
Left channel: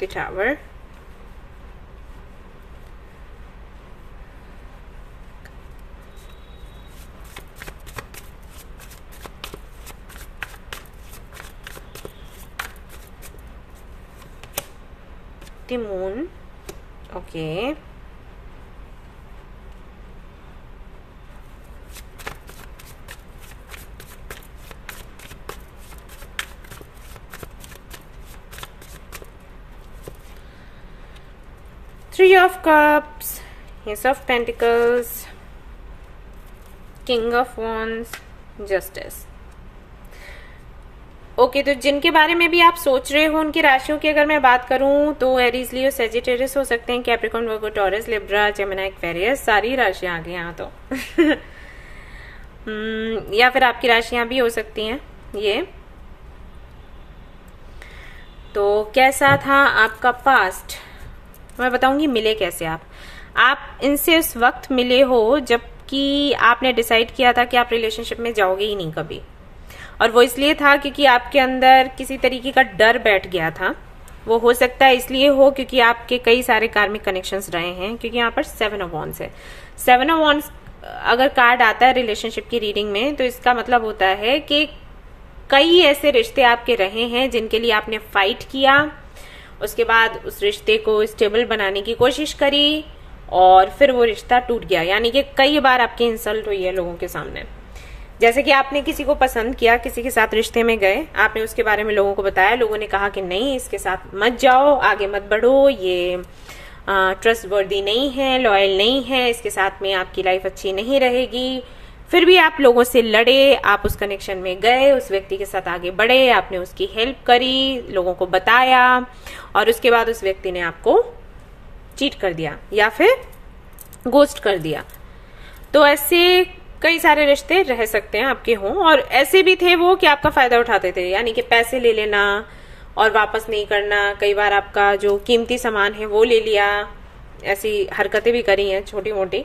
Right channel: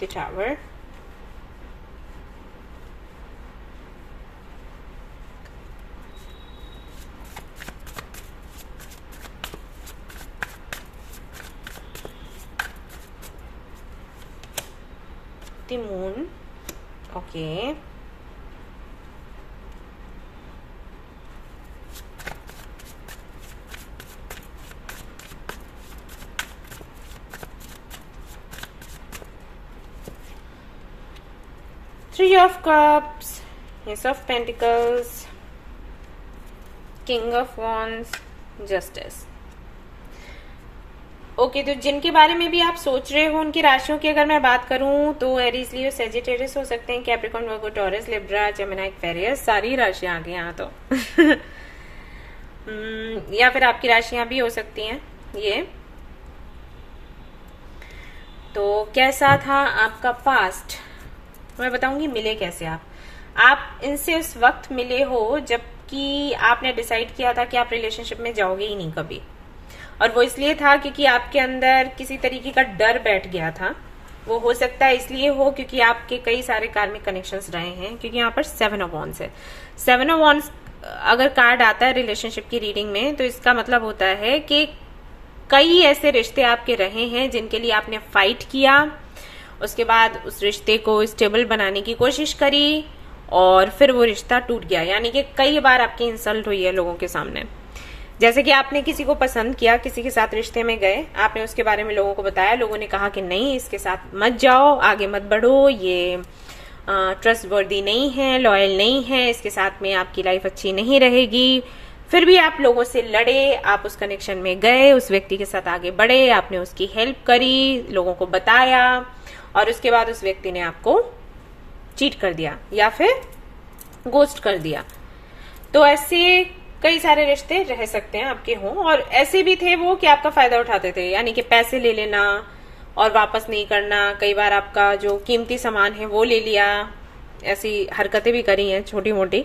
the Tower, the Moon, okay, Three of Cups, Ace of Pentacles, King of Wands, Justice. Okay, तो जिनके बारे में भी आप सोच रहे हो उनकी राशियों की अगर मैं बात करूं तो एरीज, लियो, सेजिटेरियस हो सकते हैं, कैप्रिकॉर्न, वर्गो, टॉरस, लिब्रा, जेमिनी, एक्वेरियस, सारी राशियां आ गई यहाँ तो या फिर आपकी राशियां भी हो सकती हैं ये। तो कैसा था आपका पास्ट, मैं बताऊंगी मिले कैसे आप इनसे उस वक्त मिले हो जबकि आपने डिसाइड किया था कि आप रिलेशनशिप में जाओगे ही नहीं कभी, और वो इसलिए था क्योंकि आपके अंदर किसी तरीके का डर बैठ गया था। वो हो सकता है इसलिए हो क्योंकि आपके कई सारे कार्मिक कनेक्शंस रहे हैं, क्योंकि यहाँ पर 7 ऑफ वॉन्ड्स है। 7 ऑफ वॉन्ड्स अगर कार्ड आता है रिलेशनशिप की रीडिंग में तो इसका मतलब होता है कि कई ऐसे रिश्ते आपके रहे हैं जिनके लिए आपने फाइट किया, उसके बाद उस रिश्ते को स्टेबल बनाने की कोशिश करी और फिर वो रिश्ता टूट गया। यानी कि कई बार आपकी इंसल्ट हुई है लोगों के सामने। जैसे कि आपने किसी को पसंद किया, किसी के साथ रिश्ते में गए, आपने उसके बारे में लोगों को बताया, लोगों ने कहा कि नहीं इसके साथ मत जाओ, आगे मत बढ़ो, ये ट्रस्ट वर्दी नहीं है, लॉयल नहीं है, इसके साथ में आपकी लाइफ अच्छी नहीं रहेगी। फिर भी आप लोगों से लड़े, आप उस कनेक्शन में गए, उस व्यक्ति के साथ आगे बढ़े, आपने उसकी हेल्प करी, लोगों को बताया, और उसके बाद उस व्यक्ति ने आपको चीट कर दिया या फिर गोस्ट कर दिया। तो ऐसे कई सारे रिश्ते रह सकते हैं आपके हों, और ऐसे भी थे वो कि आपका फायदा उठाते थे, यानी कि पैसे ले लेना और वापस नहीं करना। कई बार आपका जो कीमती सामान है वो ले लिया, ऐसी हरकतें भी करी हैं छोटी मोटी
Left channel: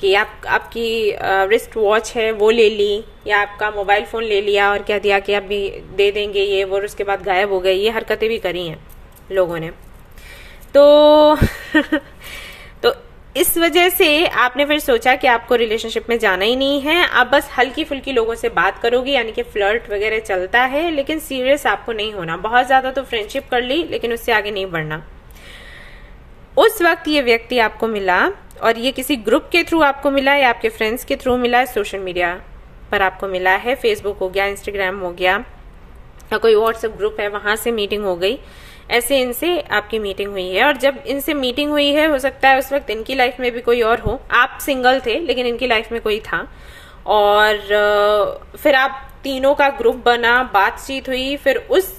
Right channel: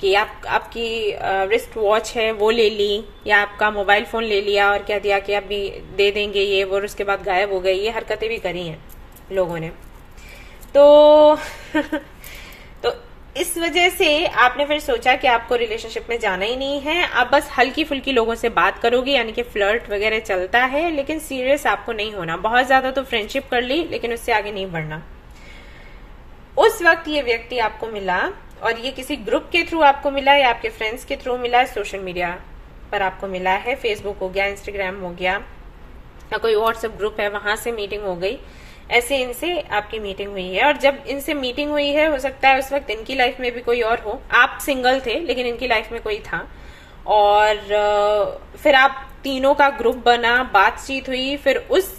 कि आपकी रिस्ट वॉच है वो ले ली, या आपका मोबाइल फोन ले लिया और कह दिया कि अभी दे देंगे ये वो, उसके बाद गायब हो गई। ये हरकतें भी करी हैं लोगों ने। तो तो इस वजह से आपने फिर सोचा कि आपको रिलेशनशिप में जाना ही नहीं है, आप बस हल्की फुल्की लोगों से बात करोगे, यानी कि फ्लर्ट वगैरह चलता है, लेकिन सीरियस आपको नहीं होना। बहुत ज्यादा तो फ्रेंडशिप कर ली लेकिन उससे आगे नहीं बढ़ना। उस वक्त ये व्यक्ति आपको मिला, और ये किसी ग्रुप के थ्रू आपको मिला या आपके फ्रेंड्स के थ्रू मिला है, सोशल मीडिया पर आपको मिला है, फेसबुक हो गया, इंस्टाग्राम हो गया, या कोई व्हाट्सएप ग्रुप है वहां से मीटिंग हो गई। ऐसे इनसे आपकी मीटिंग हुई है, और जब इनसे मीटिंग हुई है हो सकता है उस वक्त इनकी लाइफ में भी कोई और हो, आप सिंगल थे लेकिन इनकी लाइफ में कोई था, और फिर आप तीनों का ग्रुप बना, बातचीत हुई, फिर उस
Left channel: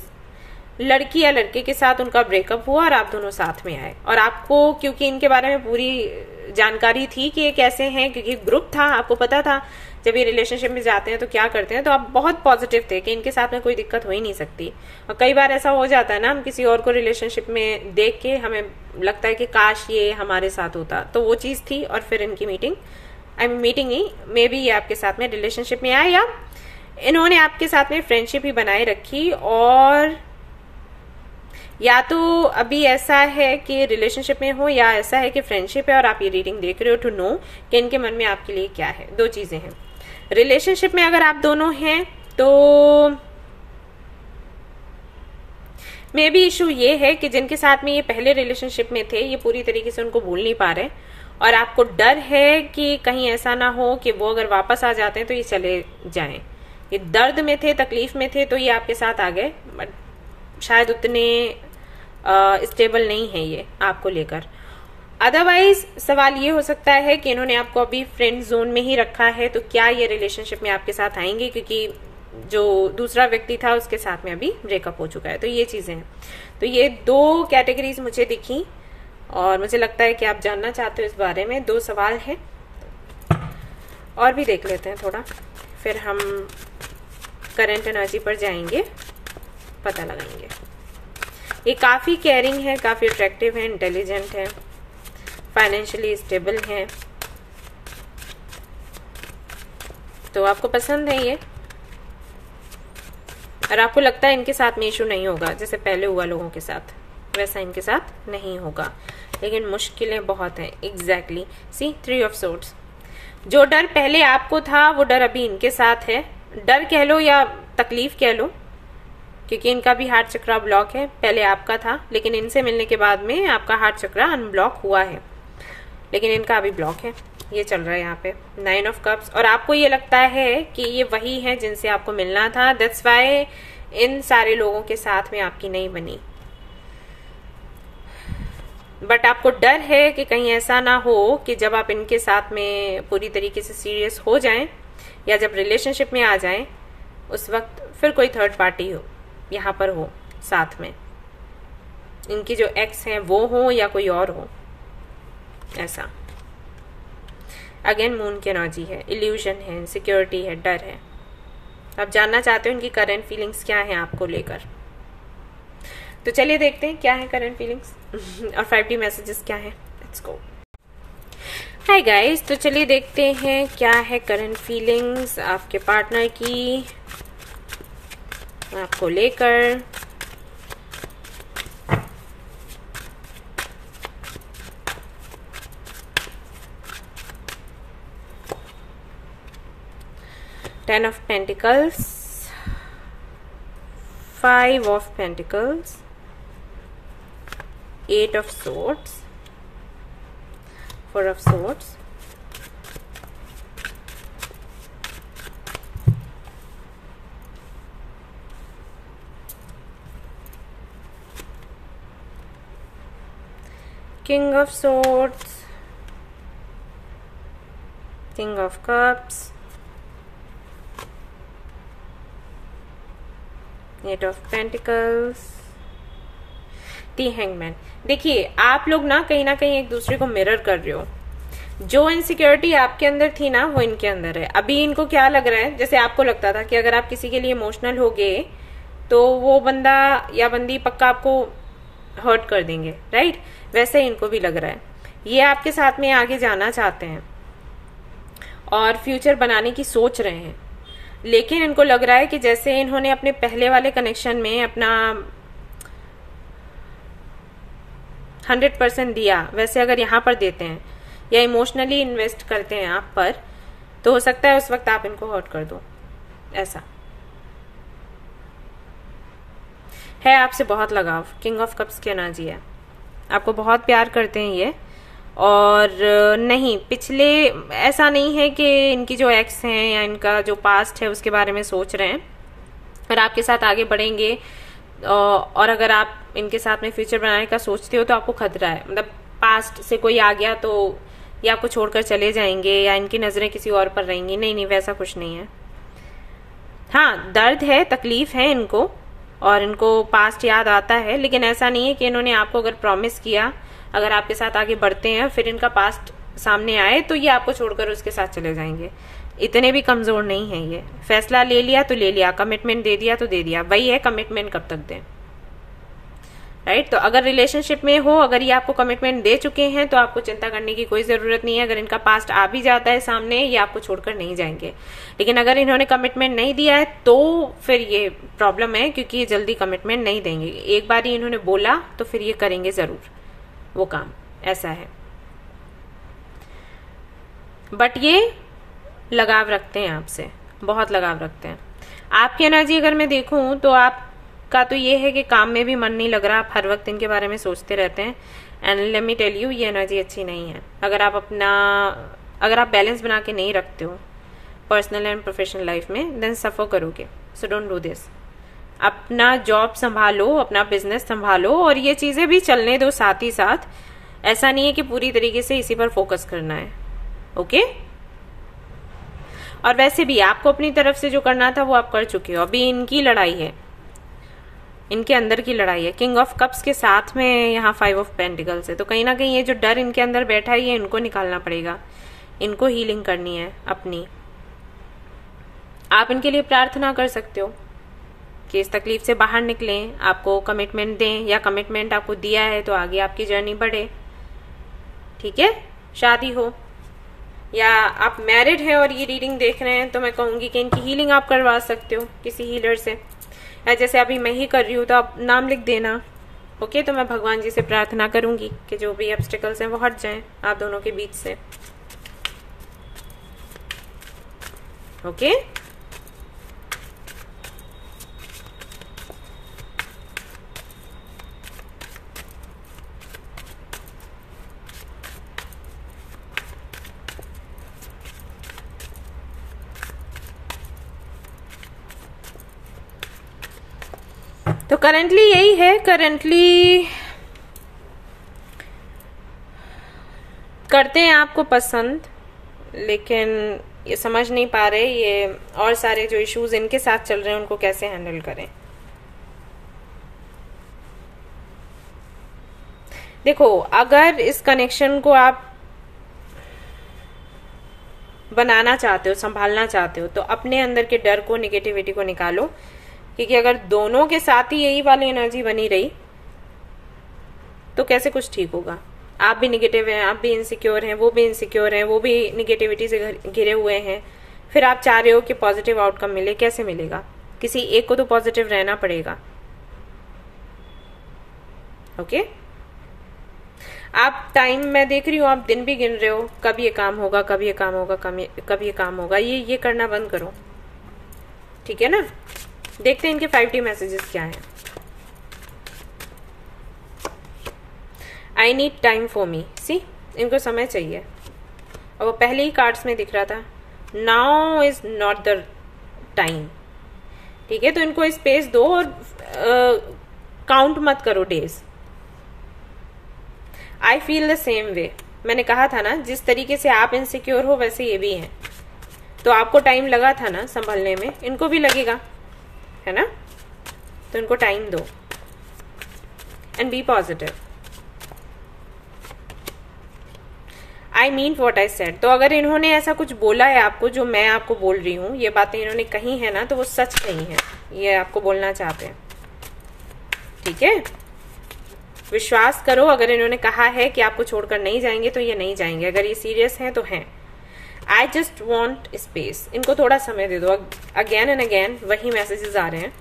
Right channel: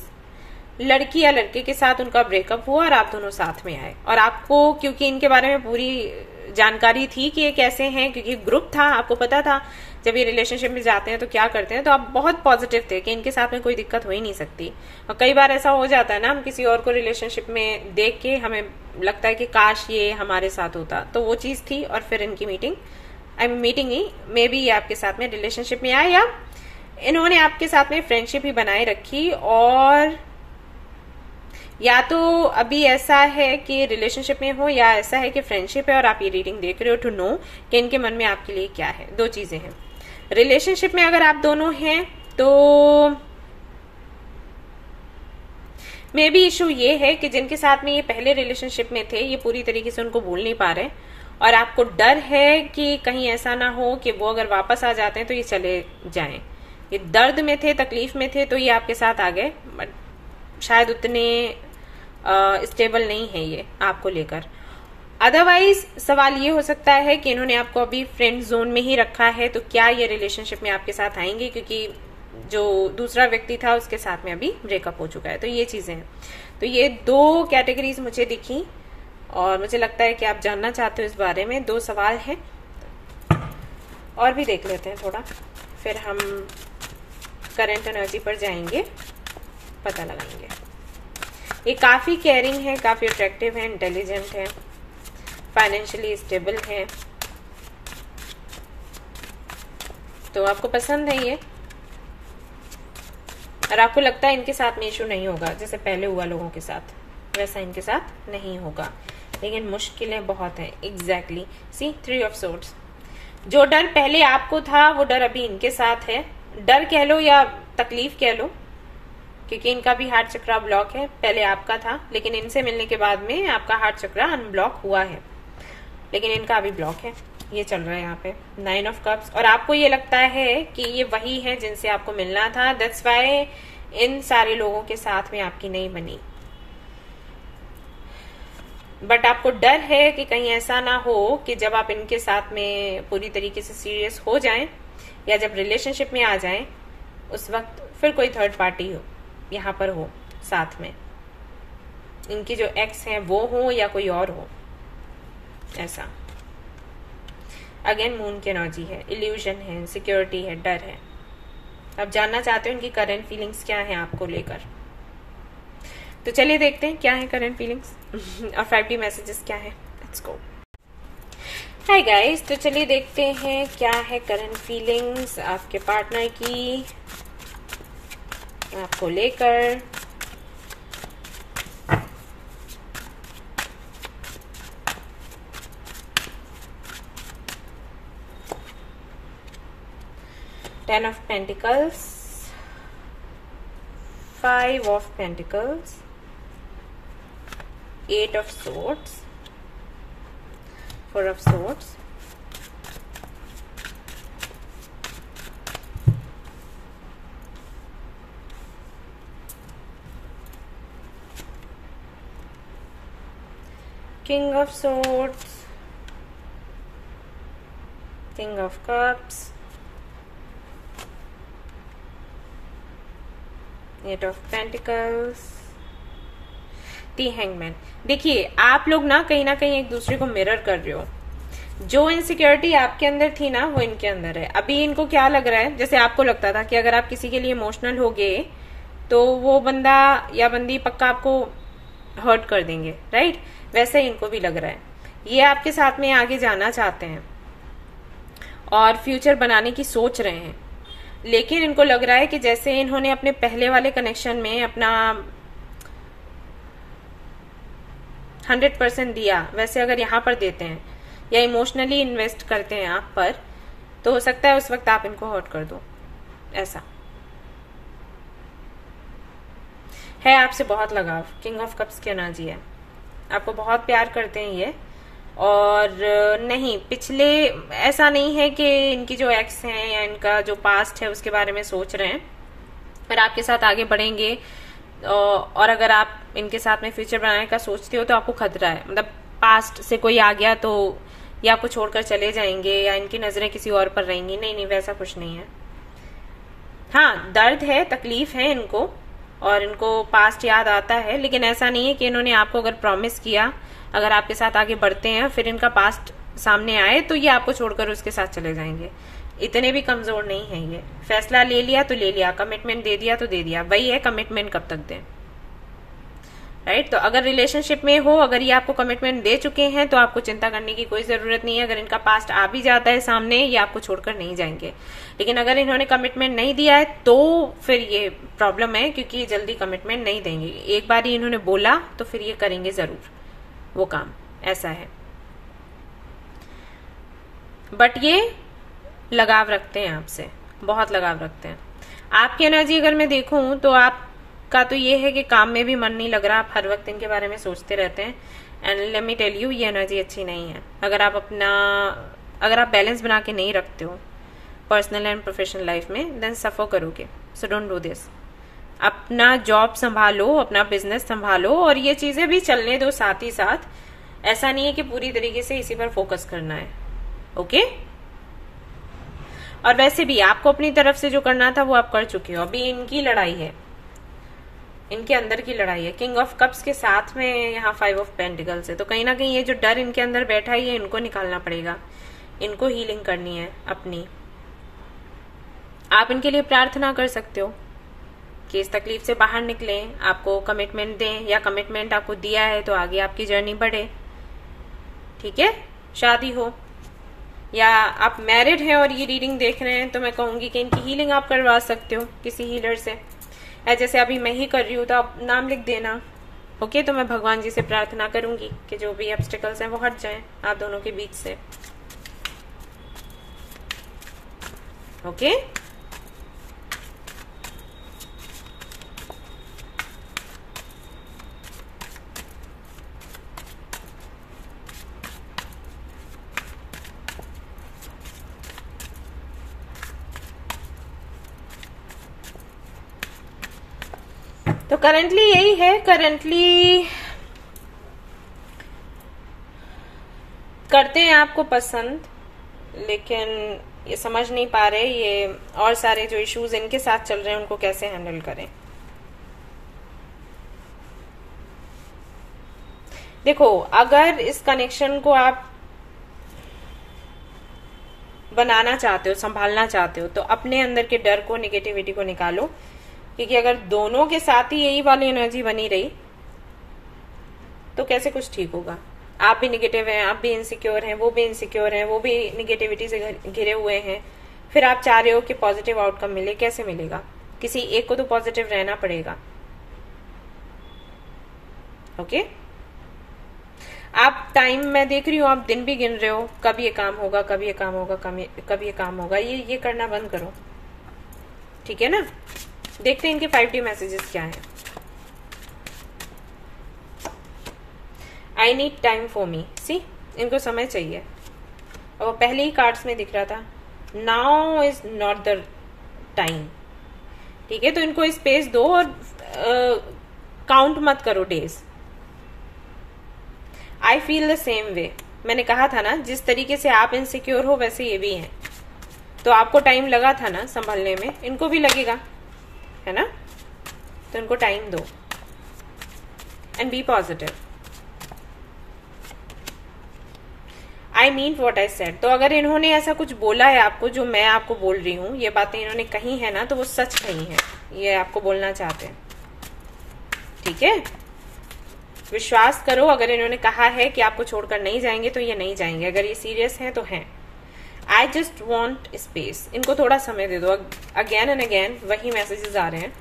लड़की या लड़के के साथ उनका ब्रेकअप हुआ और आप दोनों साथ में आए। और आपको क्योंकि इनके बारे में पूरी जानकारी थी कि ये कैसे हैं, क्योंकि ग्रुप था, आपको पता था जब ये रिलेशनशिप में जाते हैं तो क्या करते हैं, तो आप बहुत पॉजिटिव थे कि इनके साथ में कोई दिक्कत हो ही नहीं सकती। और कई बार ऐसा हो जाता है ना, हम किसी और को रिलेशनशिप में देख के हमें लगता है कि काश ये हमारे साथ होता, तो वो चीज थी। और फिर इनकी मीटिंग ही मे बी ये आपके साथ में रिलेशनशिप में आए, या इन्होंने आपके साथ में फ्रेंडशिप ही बनाए रखी, और या तो अभी ऐसा है कि रिलेशनशिप में हो, या ऐसा है कि फ्रेंडशिप है और आप ये रीडिंग देख रहे हो टू नो कि इनके मन में आपके लिए क्या है। दो चीजें हैं। रिलेशनशिप में अगर आप दोनों हैं तो मे बी इशू ये है कि जिनके साथ में ये पहले रिलेशनशिप में थे ये पूरी तरीके से उनको भूल नहीं पा रहे, और आपको डर है कि कहीं ऐसा ना हो कि वो अगर वापस आ जाते हैं तो ये चले जाएं। ये दर्द में थे, तकलीफ में थे, तो ये आपके साथ आ गए, बट शायद उतने स्टेबल नहीं है ये आपको लेकर। अदरवाइज सवाल ये हो सकता है कि इन्होंने आपको अभी फ्रेंड जोन में ही रखा है, तो क्या ये रिलेशनशिप में आपके साथ आएंगे, क्योंकि जो दूसरा व्यक्ति था उसके साथ में अभी ब्रेकअप हो चुका है। तो ये चीजें हैं। तो ये दो कैटेगरीज मुझे दिखी, और मुझे लगता है कि आप जानना चाहते हो इस बारे में। दो सवाल हैं, और भी देख लेते हैं थोड़ा, फिर हम करंट एनर्जी पर जाएंगे, पता लगाएंगे। ये काफी केयरिंग है, काफी अट्रैक्टिव है, इंटेलिजेंट है, फाइनेंशियली स्टेबल है, तो आपको पसंद है ये, और आपको लगता है इनके साथ में इशू नहीं होगा जैसे पहले हुआ लोगों के साथ, वैसा इनके साथ नहीं होगा, लेकिन मुश्किलें बहुत हैं। Exactly see 3 of swords. जो डर पहले आपको था वो डर अभी इनके साथ है। डर कह लो या तकलीफ कह लो, क्योंकि इनका भी हार्ट चक्रा ब्लॉक है, पहले आपका था, लेकिन इनसे मिलने के बाद में आपका हार्ट चक्रा अनब्लॉक हुआ है, लेकिन इनका अभी ब्लॉक है। ये चल रहा है यहाँ पे 9 ऑफ कप्स, और आपको ये लगता है कि ये वही है जिनसे आपको मिलना था, दैट्स वाई इन सारे लोगों के साथ में आपकी नहीं बनी। बट आपको डर है कि कहीं ऐसा ना हो कि जब आप इनके साथ में पूरी तरीके से सीरियस हो जाएं, या जब रिलेशनशिप में आ जाएं, उस वक्त फिर कोई थर्ड पार्टी हो यहाँ पर हो साथ में, इनकी जो एक्स है वो हो या कोई और हो, ऐसा। अगेन मून की एनर्जी है, इल्यूजन है, इनसिक्योरिटी है, डर है। आप जानना चाहते हो इनकी करंट फीलिंग्स क्या है आपको लेकर। तो चलिए देखते हैं क्या है करंट फीलिंग्स और 5D मैसेजेस क्या है। Let's go. हाय गाइस, तो चलिए देखते हैं क्या है करंट फीलिंग्स आपके पार्टनर की आपको लेकर। Ten of Pentacles, 5 of Pentacles, 8 of Swords, 4 of Swords, King of Swords, King of Cups, 8 of Pentacles, The Hangman। देखिए आप लोग ना कहीं एक दूसरे को मिरर कर रहे हो। जो इनसिक्योरिटी आपके अंदर थी ना वो इनके अंदर है। अभी इनको क्या लग रहा है, जैसे आपको लगता था कि अगर आप किसी के लिए इमोशनल हो गए तो वो बंदा या बंदी पक्का आपको हर्ट कर देंगे, राइट? वैसे इनको भी लग रहा है। ये आपके साथ में आगे जाना चाहते हैं और फ्यूचर बनाने की सोच रहे हैं, लेकिन इनको लग रहा है कि जैसे इन्होंने अपने पहले वाले कनेक्शन में अपना 100% दिया, वैसे अगर यहाँ पर देते हैं या इमोशनली इन्वेस्ट करते हैं आप पर, तो हो सकता है उस वक्त आप इनको हर्ट कर दो। ऐसा है, आपसे बहुत लगाव। किंग ऑफ कप्स की एनर्जी है, आपको बहुत प्यार करते हैं ये। और नहीं, पिछले ऐसा नहीं है कि इनकी जो एक्स हैं या इनका जो पास्ट है उसके बारे में सोच रहे हैं और आपके साथ आगे बढ़ेंगे। और अगर आप इनके साथ में फ्यूचर बनाने का सोचते हो तो आपको खतरा है, मतलब पास्ट से कोई आ गया तो या आपको छोड़कर चले जाएंगे या इनकी नजरें किसी और पर रहेंगी। नहीं, वैसा कुछ नहीं है। हाँ, दर्द है, तकलीफ है इनको और इनको पास्ट याद आता है, लेकिन ऐसा नहीं है कि इन्होंने आपको अगर प्रॉमिस किया, अगर आपके साथ आगे बढ़ते हैं फिर इनका पास्ट सामने आए तो ये आपको छोड़कर उसके साथ चले जाएंगे। इतने भी कमजोर नहीं है ये। फैसला ले लिया तो ले लिया, कमिटमेंट दे दिया तो दे दिया। वही है, कमिटमेंट कब तक दें, राइट? तो अगर रिलेशनशिप में हो, अगर ये आपको कमिटमेंट दे चुके हैं तो आपको चिंता करने की कोई जरूरत नहीं है। अगर इनका पास्ट आ भी जाता है सामने, ये आपको छोड़कर नहीं जाएंगे। लेकिन अगर इन्होंने कमिटमेंट नहीं दिया है तो फिर ये प्रॉब्लम है, क्योंकि ये जल्दी कमिटमेंट नहीं देंगे। एक बार ही इन्होंने बोला तो फिर ये करेंगे जरूर वो काम, ऐसा है। बट ये लगाव रखते हैं आपसे, बहुत लगाव रखते हैं। आपकी एनर्जी अगर मैं देखूं तो आपका तो ये है कि काम में भी मन नहीं लग रहा, आप हर वक्त इनके बारे में सोचते रहते हैं। And let me tell you, ये एनर्जी अच्छी नहीं है। अगर आप बैलेंस बना के नहीं रखते हो पर्सनल एंड प्रोफेशनल लाइफ में, देन सफर करोगे। So don't do this. अपना जॉब संभालो, अपना बिजनेस संभालो और ये चीजें भी चलने दो साथ ही साथ। ऐसा नहीं है कि पूरी तरीके से इसी पर फोकस करना है, ओके? और वैसे भी आपको अपनी तरफ से जो करना था वो आप कर चुके हो। अभी इनकी लड़ाई है, इनके अंदर की लड़ाई है। किंग ऑफ कप्स के साथ में यहाँ 5 ऑफ पेंटिकल्स है, तो कहीं ना कहीं ये जो डर इनके अंदर बैठा है ये इनको निकालना पड़ेगा। इनको हीलिंग करनी है अपनी। आप इनके लिए प्रार्थना कर सकते हो कि इस तकलीफ से बाहर निकलें, आपको कमिटमेंट दें, या कमिटमेंट आपको दिया है तो आगे आपकी जर्नी बढ़े, ठीक है? शादी हो या आप मैरिड हैं और ये रीडिंग देख रहे हैं तो मैं कहूंगी कि इनकी हीलिंग आप करवा सकते हो किसी हीलर से। जैसे अभी मैं ही कर रही हूँ तो आप नाम लिख देना, ओके? तो मैं भगवान जी से प्रार्थना करूंगी कि जो भी ऑब्स्टिकल्स हैं वो हट जाएं आप दोनों के बीच से, ओके? तो करंटली यही है। करंटली करते हैं आपको पसंद, लेकिन ये समझ नहीं पा रहे ये और सारे जो इश्यूज इनके साथ चल रहे हैं उनको कैसे हैंडल करें। देखो, अगर इस कनेक्शन को आप बनाना चाहते हो, संभालना चाहते हो, तो अपने अंदर के डर को, निगेटिविटी को निकालो, क्योंकि अगर दोनों के साथ ही यही वाली एनर्जी बनी रही तो कैसे कुछ ठीक होगा। आप भी निगेटिव हैं, आप भी इनसिक्योर हैं, वो भी इनसिक्योर हैं, वो भी निगेटिविटी से घिरे हुए हैं, फिर आप चाह रहे हो कि पॉजिटिव आउटकम मिले, कैसे मिलेगा? किसी एक को तो पॉजिटिव रहना पड़ेगा। ओके, आप टाइम, मैं देख रही हूँ आप दिन भी गिन रहे हो, कब ये काम होगा, कब ये काम होगा, कब ये काम होगा। ये करना बंद करो, ठीक है ना? देखते हैं इनके 5D मैसेजेस क्या हैं। I need time for me, see, इनको समय चाहिए, और वो पहले ही कार्ड्स में दिख रहा था। Now is not the time, ठीक है? तो इनको स्पेस दो और काउंट मत करो days. I feel the same way, मैंने कहा था ना, जिस तरीके से आप इनसिक्योर हो वैसे ये भी हैं। तो आपको टाइम लगा था ना संभलने में, इनको भी लगेगा, है ना? तो इनको टाइम दो and be positive. I mean what I said. तो अगर इन्होंने ऐसा कुछ बोला है आपको जो मैं आपको बोल रही हूं, ये बातें इन्होंने कही है ना, तो वो सच कही है, ये आपको बोलना चाहते हैं, ठीक है? विश्वास करो, अगर इन्होंने कहा है कि आपको छोड़कर नहीं जाएंगे तो ये नहीं जाएंगे। अगर ये सीरियस हैं तो हैं। आई जस्ट वॉन्ट स्पेस, इनको थोड़ा समय दे दो। अगेन एंड अगेन वही मैसेजेस आ रहे हैं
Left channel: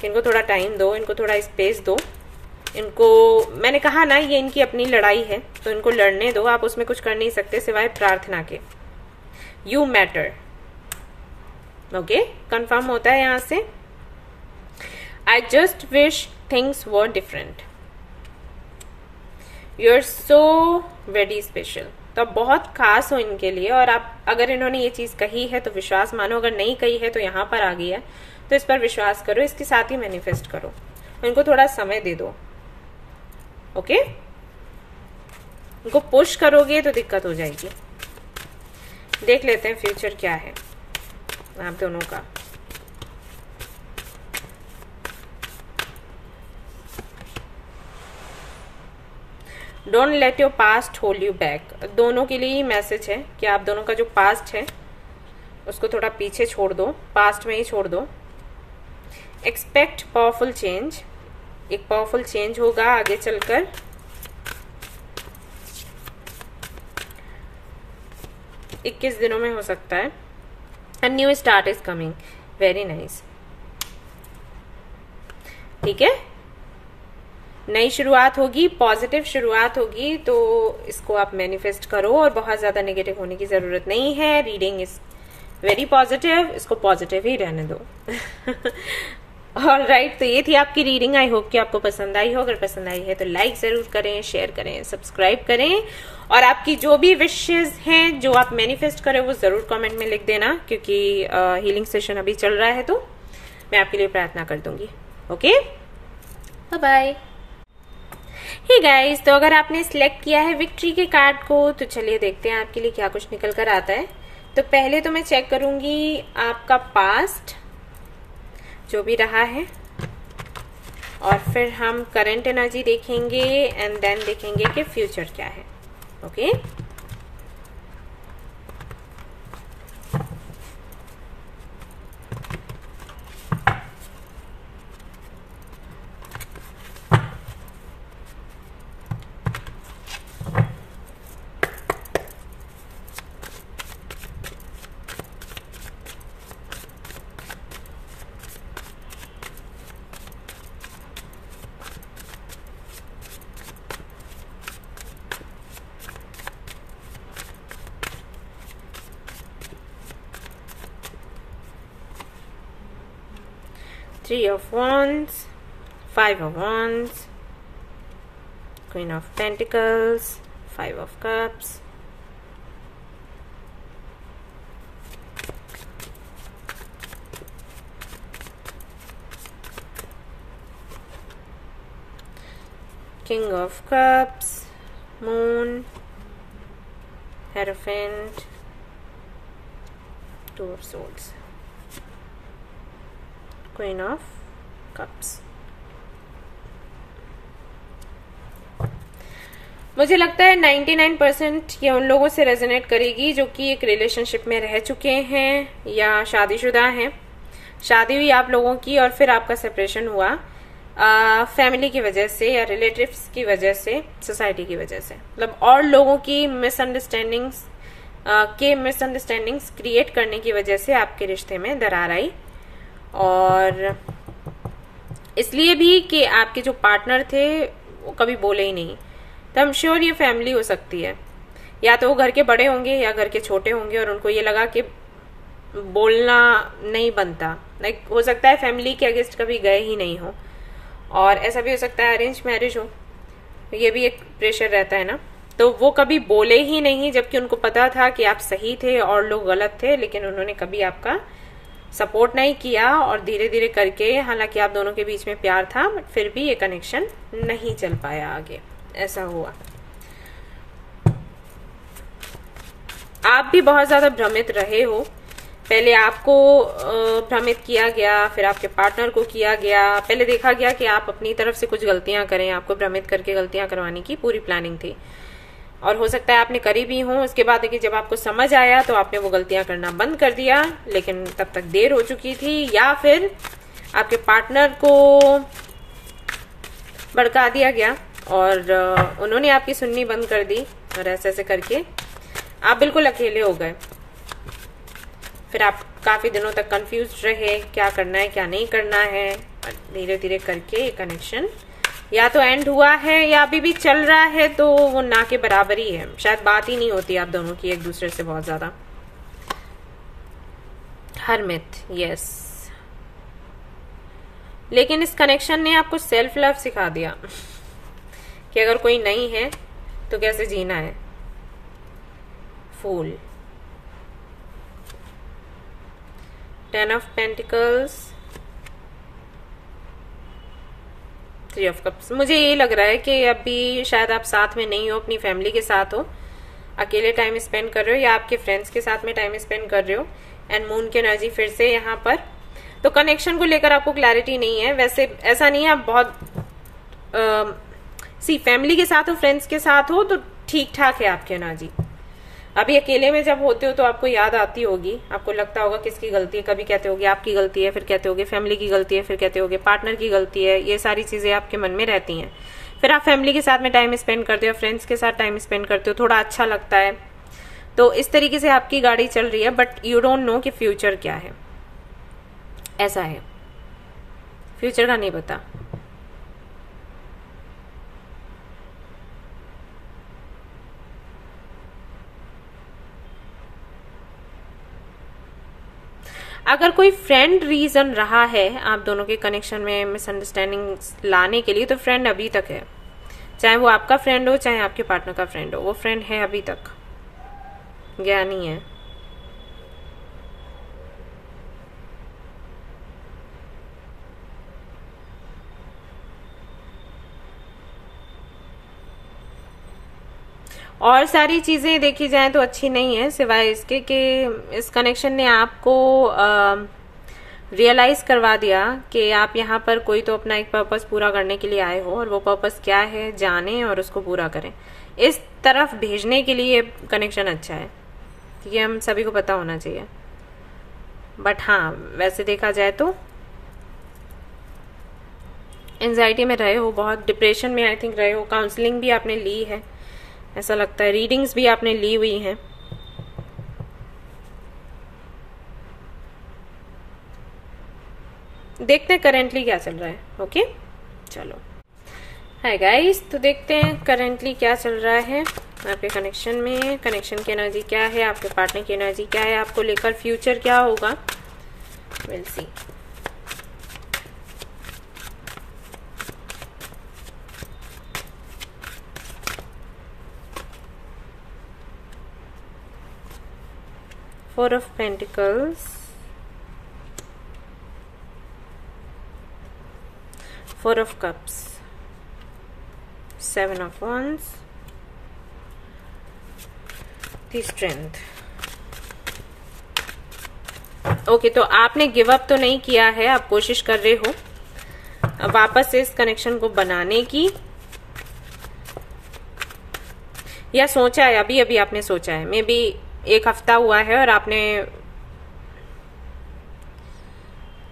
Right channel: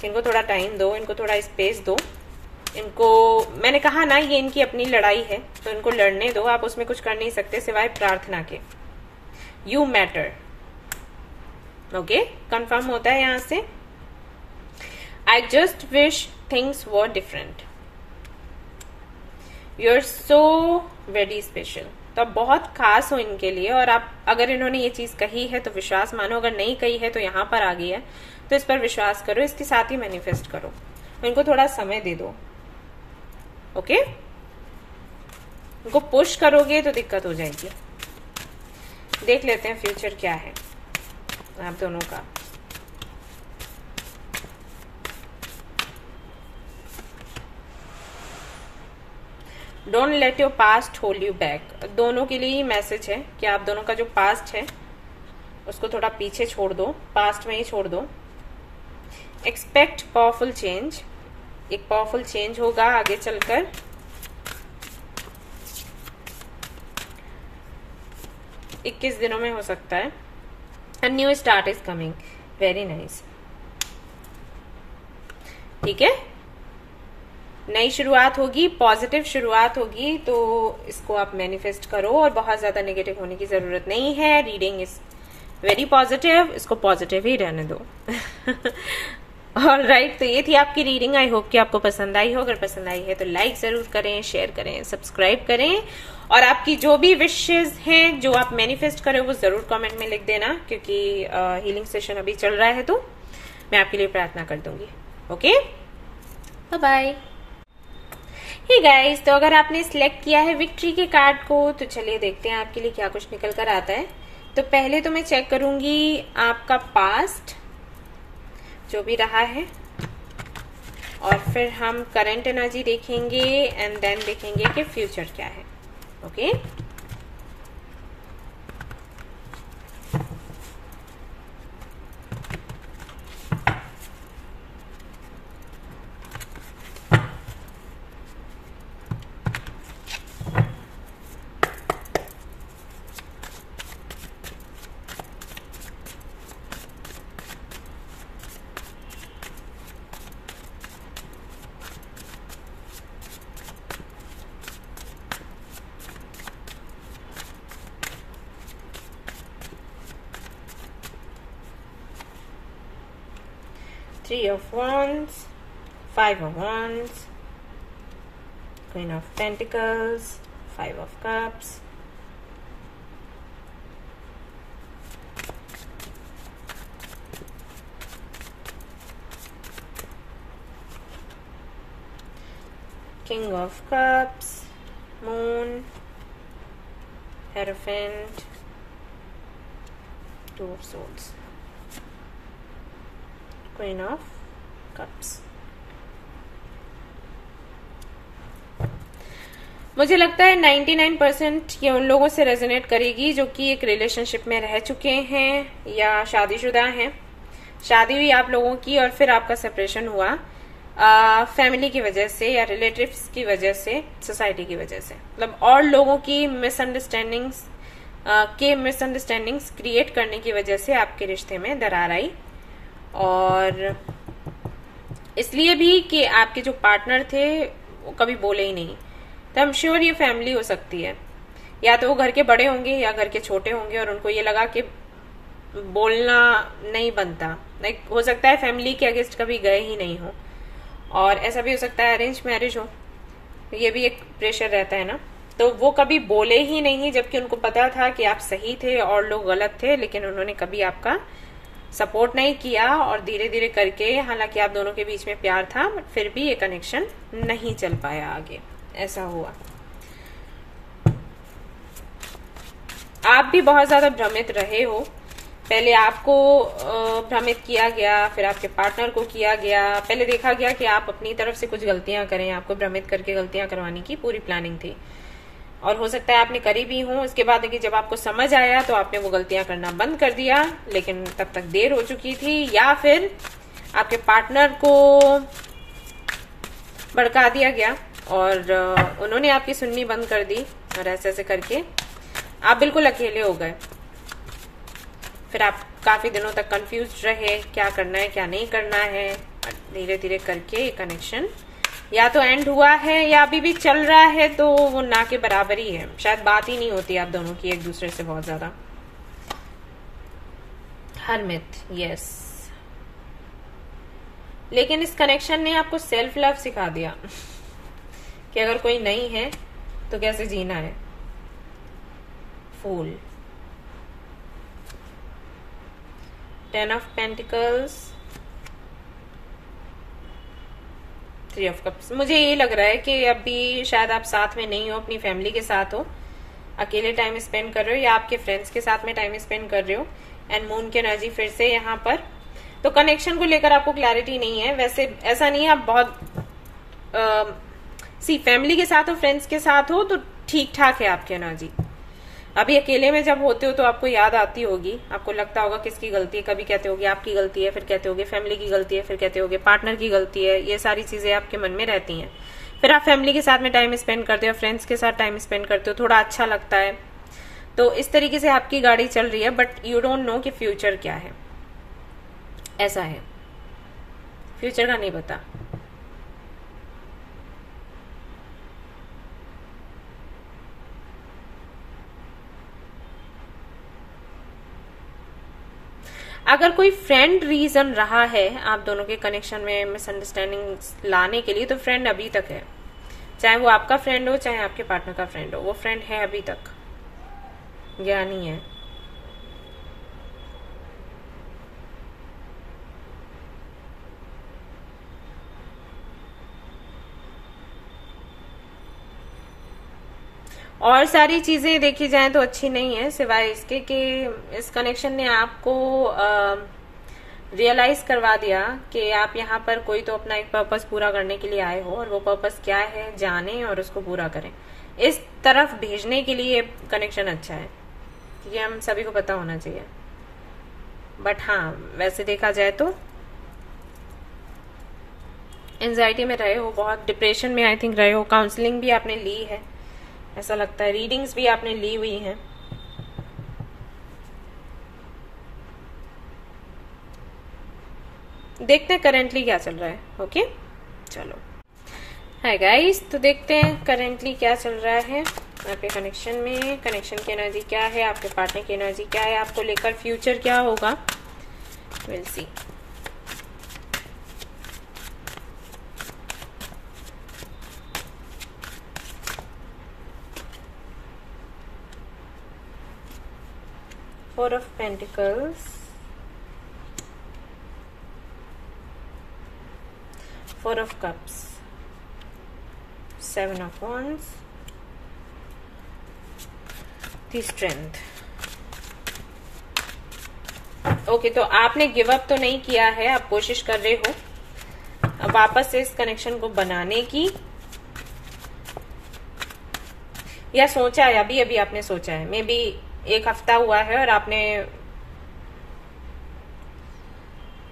कि इनको थोड़ा टाइम दो, इनको थोड़ा स्पेस दो। इनको, मैंने कहा ना, ये इनकी अपनी लड़ाई है, तो इनको लड़ने दो, आप उसमें कुछ कर नहीं सकते सिवाय प्रार्थना के। You matter, okay? कंफर्म होता है यहां से। I just wish things were different, you are so very special. तो आप बहुत खास हो इनके लिए, और आप, अगर इन्होंने ये चीज कही है तो विश्वास मानो, अगर नहीं कही है तो यहां पर आ गई है, तो इस पर विश्वास करो, इसके साथ ही मैनिफेस्ट करो, और इनको थोड़ा समय दे दो, ओके? इनको पुश करोगे तो दिक्कत हो जाएगी। देख लेते हैं फ्यूचर क्या है आप दोनों का। Don't let your past hold you back. दोनों के लिए ही मैसेज है कि आप दोनों का जो पास्ट है उसको थोड़ा पीछे छोड़ दो, पास्ट में ही छोड़ दो। एक्सपेक्ट पावरफुल चेंज, एक पावरफुल चेंज होगा आगे चलकर। इक्कीस दिनों में हो सकता है। A new start is coming, very nice, ठीक है? नई शुरुआत होगी, पॉजिटिव शुरुआत होगी, तो इसको आप मैनिफेस्ट करो, और बहुत ज्यादा नेगेटिव होने की जरूरत नहीं है। रीडिंग इज वेरी पॉजिटिव, इसको पॉजिटिव ही रहने दो। ऑलराइट, तो ये थी आपकी रीडिंग। आई होप कि आपको पसंद आई हो। अगर पसंद आई है तो लाइक जरूर करें, शेयर करें, सब्सक्राइब करें, और आपकी जो भी विशेज हैं, जो आप मैनिफेस्ट करें, वो जरूर कमेंट में लिख देना, क्योंकि हीलिंग सेशन अभी चल रहा है तो मैं आपके लिए प्रार्थना कर दूंगी। Okay, bye bye. Hey guys, तो अगर आपने सिलेक्ट किया है विक्ट्री के कार्ड को, तो चलिए देखते हैं आपके लिए क्या कुछ निकल कर आता है। तो पहले तो मैं चेक करूंगी आपका पास्ट जो भी रहा है, और फिर हम करंट एनर्जी देखेंगे, एंड देन देखेंगे कि फ्यूचर क्या है। Okay, Three of Wands, Five of Wands, Queen of Pentacles, Five of Cups, King of Cups, Moon, Hierophant, two of souls, queen of cups. मुझे लगता है 99% ये उन लोगों से रेजोनेट करेगी जो कि एक रिलेशनशिप में रह चुके हैं या शादीशुदा हैं। शादी हुई आप लोगों की और फिर आपका सेपरेशन हुआ फैमिली की वजह से या रिलेटिव्स की वजह से, सोसाइटी की वजह से, मतलब और लोगों की मिसअंडरस्टैंडिंग्स क्रिएट करने की वजह से आपके रिश्ते में दरार आई। और इसलिए भी कि आपके जो पार्टनर थे वो कभी बोले ही नहीं। तो आई एम श्योर ये फैमिली हो सकती है, या तो वो घर के बड़े होंगे या घर के छोटे होंगे और उनको ये लगा कि बोलना नहीं बनता। लाइक हो सकता है फैमिली के अगेंस्ट कभी गए ही नहीं हो, और ऐसा भी हो सकता है अरेंज मैरिज हो, ये भी एक प्रेशर रहता है ना। तो वो कभी बोले ही नहीं, जबकि उनको पता था कि आप सही थे और लोग गलत थे, लेकिन उन्होंने कभी आपका सपोर्ट नहीं किया। और धीरे धीरे करके, हालांकि आप दोनों के बीच में प्यार था, बट फिर भी ये कनेक्शन नहीं चल पाया आगे, ऐसा हुआ। आप भी बहुत ज्यादा भ्रमित रहे हो। पहले आपको भ्रमित किया गया, फिर आपके पार्टनर को किया गया। पहले देखा गया कि आप अपनी तरफ से कुछ गलतियां करें, आपको भ्रमित करके गलतियां करवाने की पूरी प्लानिंग थी, और हो सकता है आपने करी भी हो। उसके बाद कि जब आपको समझ आया तो आपने वो गलतियां करना बंद कर दिया, लेकिन तब तक देर हो चुकी थी, या फिर आपके पार्टनर को भड़का दिया गया और उन्होंने आपकी सुननी बंद कर दी, और ऐसे ऐसे करके आप बिल्कुल अकेले हो गए। फिर आप काफी दिनों तक कंफ्यूज रहे, क्या करना है क्या नहीं करना है। धीरे धीरे करके ये कनेक्शन या तो एंड हुआ है या अभी भी चल रहा है, तो वो ना के बराबर ही है। शायद बात ही नहीं होती आप दोनों की एक दूसरे से बहुत ज्यादा। हरमित, यस। लेकिन इस कनेक्शन ने आपको सेल्फ लव सिखा दिया कि अगर कोई नहीं है तो कैसे जीना है। फूल, 10 ऑफ पेंटिकल्स, 3 ऑफ कप्स। मुझे ये लग रहा है कि अभी शायद आप साथ में नहीं हो, अपनी फैमिली के साथ हो, अकेले टाइम स्पेंड कर रहे हो, या आपके फ्रेंड्स के साथ में टाइम स्पेंड कर रहे हो। एंड मून की एनर्जी फिर से यहाँ पर, तो कनेक्शन को लेकर आपको क्लैरिटी नहीं है। वैसे ऐसा नहीं है आप बहुत फैमिली के साथ हो, फ्रेंड्स के साथ हो तो ठीक ठाक है आपकी एनर्जी। अभी अकेले में जब होते हो तो आपको याद आती होगी, आपको लगता होगा किसकी गलती है। कभी कहते होगे आपकी गलती है, फिर कहते होगे फैमिली की गलती है, फिर कहते होगे पार्टनर की गलती है। ये सारी चीजें आपके मन में रहती हैं। फिर आप फैमिली के साथ में टाइम स्पेंड करते हो, फ्रेंड्स के साथ टाइम स्पेंड करते हो, थोड़ा अच्छा लगता है। तो इस तरीके से आपकी गाड़ी चल रही है, बट यू डोंट नो कि फ्यूचर क्या है। ऐसा है, फ्यूचर का नहीं पता। अगर कोई फ्रेंड रीजन रहा है आप दोनों के कनेक्शन में मिसअंडरस्टैंडिंग लाने के लिए, तो फ्रेंड अभी तक है। चाहे वो आपका फ्रेंड हो, चाहे आपके पार्टनर का फ्रेंड हो, वो फ्रेंड है अभी तक, गया नहीं है। और सारी चीजें देखी जाए तो अच्छी नहीं है, सिवाय इसके कि इस कनेक्शन ने आपको रियलाइज करवा दिया कि आप यहाँ पर कोई तो अपना एक पर्पस पूरा करने के लिए आए हो, और वो पर्पस क्या है जाने और उसको पूरा करें। इस तरफ भेजने के लिए कनेक्शन अच्छा है, ये हम सभी को पता होना चाहिए। बट हाँ, वैसे देखा जाए तो एंजाइटी में रहे हो, बहुत डिप्रेशन में आई थिंक रहे हो। काउंसलिंग भी आपने ली है ऐसा लगता है, रीडिंग्स भी आपने ली हुई हैं। देखते हैं करेंटली क्या चल रहा है। ओके, चलो हाय गाइस, तो देखते हैं करेंटली क्या चल रहा है आपके कनेक्शन में। कनेक्शन की एनर्जी क्या है, आपके पार्टनर की एनर्जी क्या है, आपको लेकर फ्यूचर क्या होगा, will see. Four of Pentacles, Four of Cups, Seven of Wands, the Strength, okay, तो आपने गिव अप तो नहीं किया है, आप कोशिश कर रहे हो वापस से इस कनेक्शन को बनाने की, या सोचा है अभी अभी आपने सोचा है, मे बी 1 हफ्ता हुआ है और आपने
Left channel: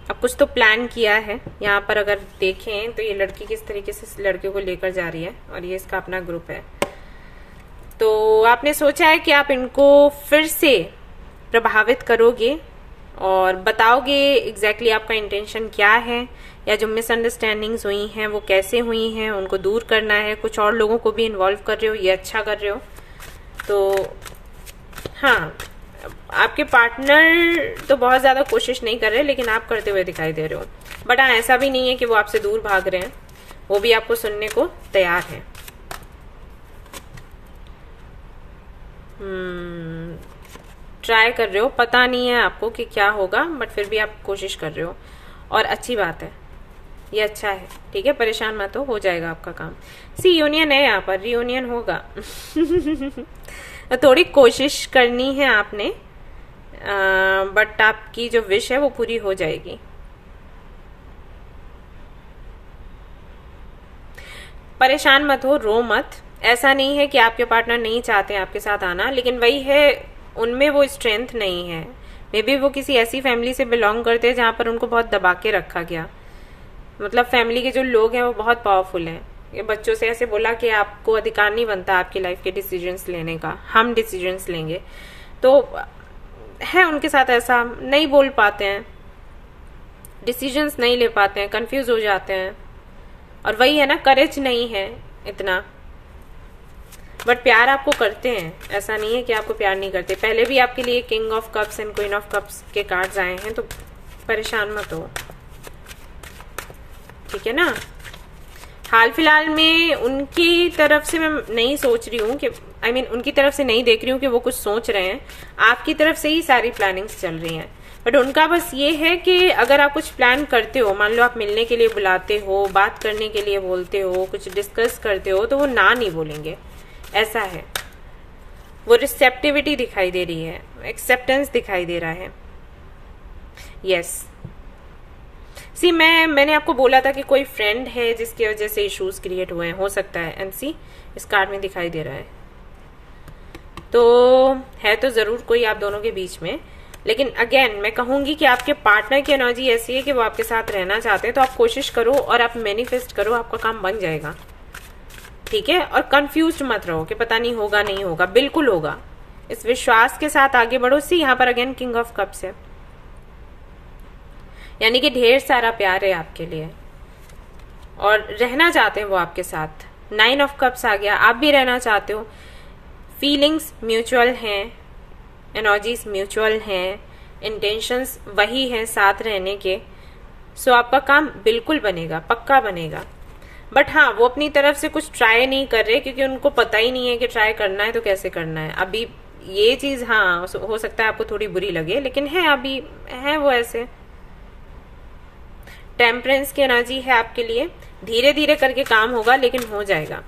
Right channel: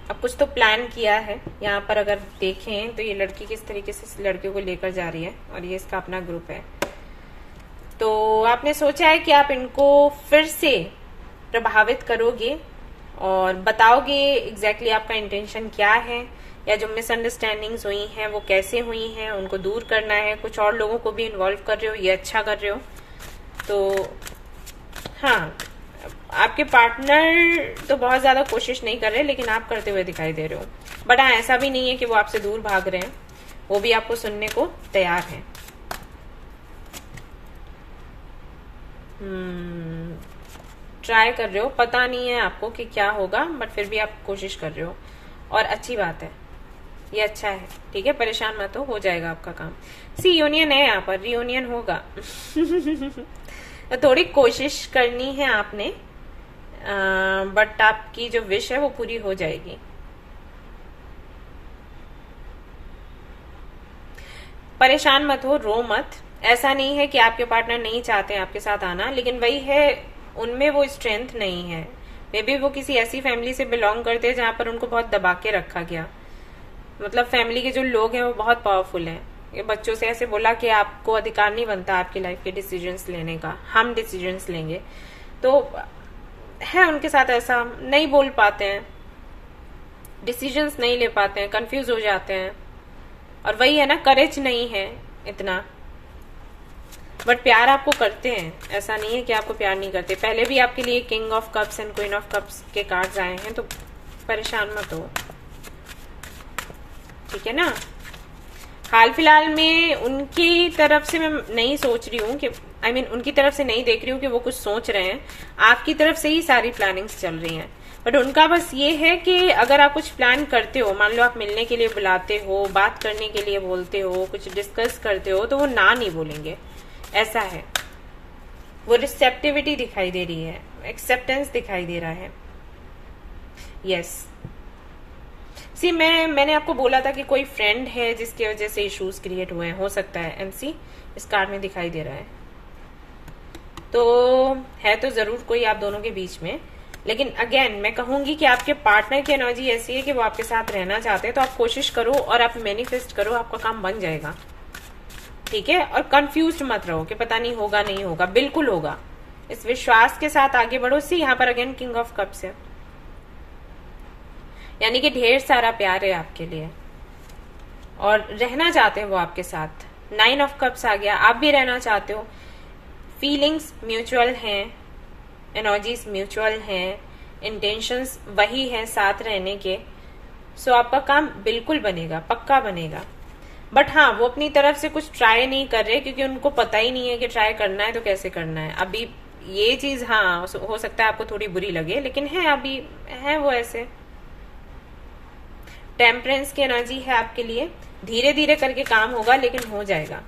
अब कुछ तो प्लान किया है। यहाँ पर अगर देखें तो ये लड़की किस तरीके से इस लड़के को लेकर जा रही है और ये इसका अपना ग्रुप है। तो आपने सोचा है कि आप इनको फिर से प्रभावित करोगे और बताओगे एग्जैक्टली आपका इंटेंशन क्या है, या जो मिसअंडरस्टैंडिंग्स हुई हैं वो कैसे हुई हैं, उनको दूर करना है। कुछ और लोगों को भी इन्वॉल्व कर रहे हो, ये अच्छा कर रहे हो। तो हाँ, आपके पार्टनर तो बहुत ज्यादा कोशिश नहीं कर रहे, लेकिन आप करते हुए दिखाई दे रहे हो। बट हाँ, ऐसा भी नहीं है कि वो आपसे दूर भाग रहे हैं, वो भी आपको सुनने को तैयार है। ट्राई कर रहे हो, पता नहीं है आपको कि क्या होगा, बट फिर भी आप कोशिश कर रहे हो और अच्छी बात है, ये अच्छा है। ठीक है, परेशान मत हो जाएगा आपका काम। यूनियन है यहाँ पर, रियूनियन होगा। तो थोड़ी कोशिश करनी है आपने, बट आपकी जो विश है वो पूरी हो जाएगी। परेशान मत हो, रो मत। ऐसा नहीं है कि आपके पार्टनर नहीं चाहते हैं आपके साथ आना, लेकिन वही है, उनमें वो स्ट्रेंथ नहीं है। मे बी वो किसी ऐसी फैमिली से बिलोंग करते हैं जहां पर उनको बहुत दबा के रखा गया। मतलब फैमिली के जो लोग हैं वो बहुत पावरफुल हैं। ये बच्चों से ऐसे बोला कि आपको अधिकार नहीं बनता आपकी लाइफ के डिसीजंस लेने का, हम डिसीजंस लेंगे। तो है उनके साथ ऐसा, नहीं बोल पाते हैं, डिसीजंस नहीं ले पाते हैं, कंफ्यूज हो जाते हैं। और वही है ना, करेज नहीं है इतना। बट प्यार आपको करते हैं, ऐसा नहीं है कि आपको प्यार नहीं करते। पहले भी आपके लिए king of cups and queen of cups के कार्ड्स आए हैं, तो परेशान मत हो। ठीक है ना। हाल फिलहाल में उनकी तरफ से मैं नहीं सोच रही हूँ कि उनकी तरफ से नहीं देख रही हूँ कि वो कुछ सोच रहे हैं। आपकी तरफ से ही सारी प्लानिंग्स चल रही हैं। बट उनका बस ये है कि अगर आप कुछ प्लान करते हो, मान लो आप मिलने के लिए बुलाते हो, बात करने के लिए बोलते हो, कुछ डिस्कस करते हो, तो वो ना नहीं बोलेंगे, ऐसा है। वो रिसेप्टिविटी दिखाई दे रही है, एक्सेप्टेंस दिखाई दे रहा है। यस, सी मैंने आपको बोला था कि कोई फ्रेंड है जिसकी वजह से इश्यूज क्रिएट हुए हैं, हो सकता है। एंड सी इस कार्ड में दिखाई दे रहा है, तो है तो जरूर कोई आप दोनों के बीच में। लेकिन अगेन मैं कहूंगी कि आपके पार्टनर की एनर्जी ऐसी है कि वो आपके साथ रहना चाहते हैं, तो आप कोशिश करो और आप मैनिफेस्ट करो, आपका काम बन जाएगा। ठीक है, और कंफ्यूज्ड मत रहो कि पता नहीं होगा नहीं होगा, बिल्कुल होगा। इस विश्वास के साथ आगे बढ़ो। सी यहाँ पर अगेन किंग ऑफ कप्स है, यानी कि ढेर सारा प्यार है आपके लिए और रहना चाहते हैं वो आपके साथ। 9 ऑफ कप्स आ गया, आप भी रहना चाहते हो। फीलिंग्स म्यूचुअल हैं, एनर्जीज म्यूचुअल हैं, इंटेंशंस वही हैं साथ रहने के। सो आपका काम बिल्कुल बनेगा, पक्का बनेगा। बट हाँ, वो अपनी तरफ से कुछ ट्राई नहीं कर रहे, क्योंकि उनको पता ही नहीं है कि ट्राई करना है तो कैसे करना है। अभी ये चीज हाँ हो सकता है आपको थोड़ी बुरी लगे, लेकिन है अभी है वो ऐसे। टेम्परेंस की एनर्जी है आपके लिए, धीरे धीरे करके काम होगा लेकिन हो जाएगा।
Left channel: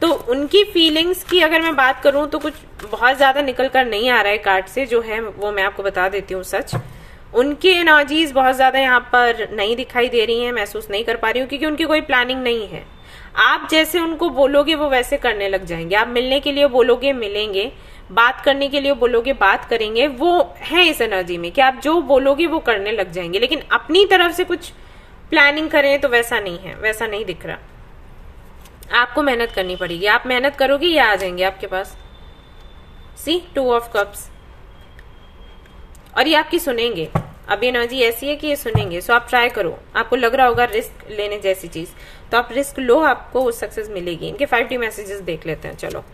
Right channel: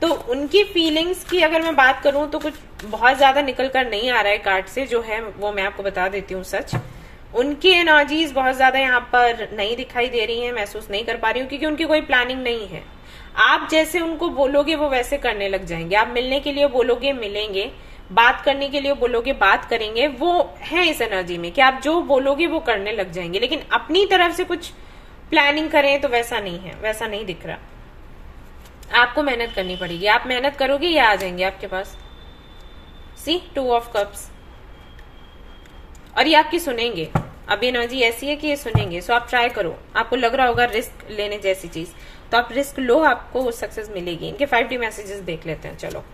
तो उनकी फीलिंग्स की अगर मैं बात करूं तो कुछ बहुत ज्यादा निकल कर नहीं आ रहा है कार्ड से, जो है वो मैं आपको बता देती हूँ सच। उनकी एनर्जीज बहुत ज्यादा यहाँ पर नहीं दिखाई दे रही हैं, महसूस नहीं कर पा रही हूँ, क्योंकि उनकी कोई प्लानिंग नहीं है। आप जैसे उनको बोलोगे वो वैसे करने लग जाएंगे। आप मिलने के लिए बोलोगे मिलेंगे, बात करने के लिए बोलोगे बात करेंगे। वो है इस एनर्जी में कि आप जो बोलोगे वो करने लग जाएंगे, लेकिन अपनी तरफ से कुछ प्लानिंग करें तो वैसा नहीं है, वैसा नहीं दिख रहा। आपको मेहनत करनी पड़ेगी, आप मेहनत करोगे ये आ जाएंगे आपके पास। सी 2 ऑफ कप्स, और ये आपकी सुनेंगे। अब एनर्जी ऐसी है कि ये सुनेंगे। सो आप ट्राई करो। आपको लग रहा होगा रिस्क लेने जैसी चीज, तो आप रिस्क लो, आपको सक्सेस मिलेगी। इनके 5D मैसेजेस देख लेते हैं। चलो,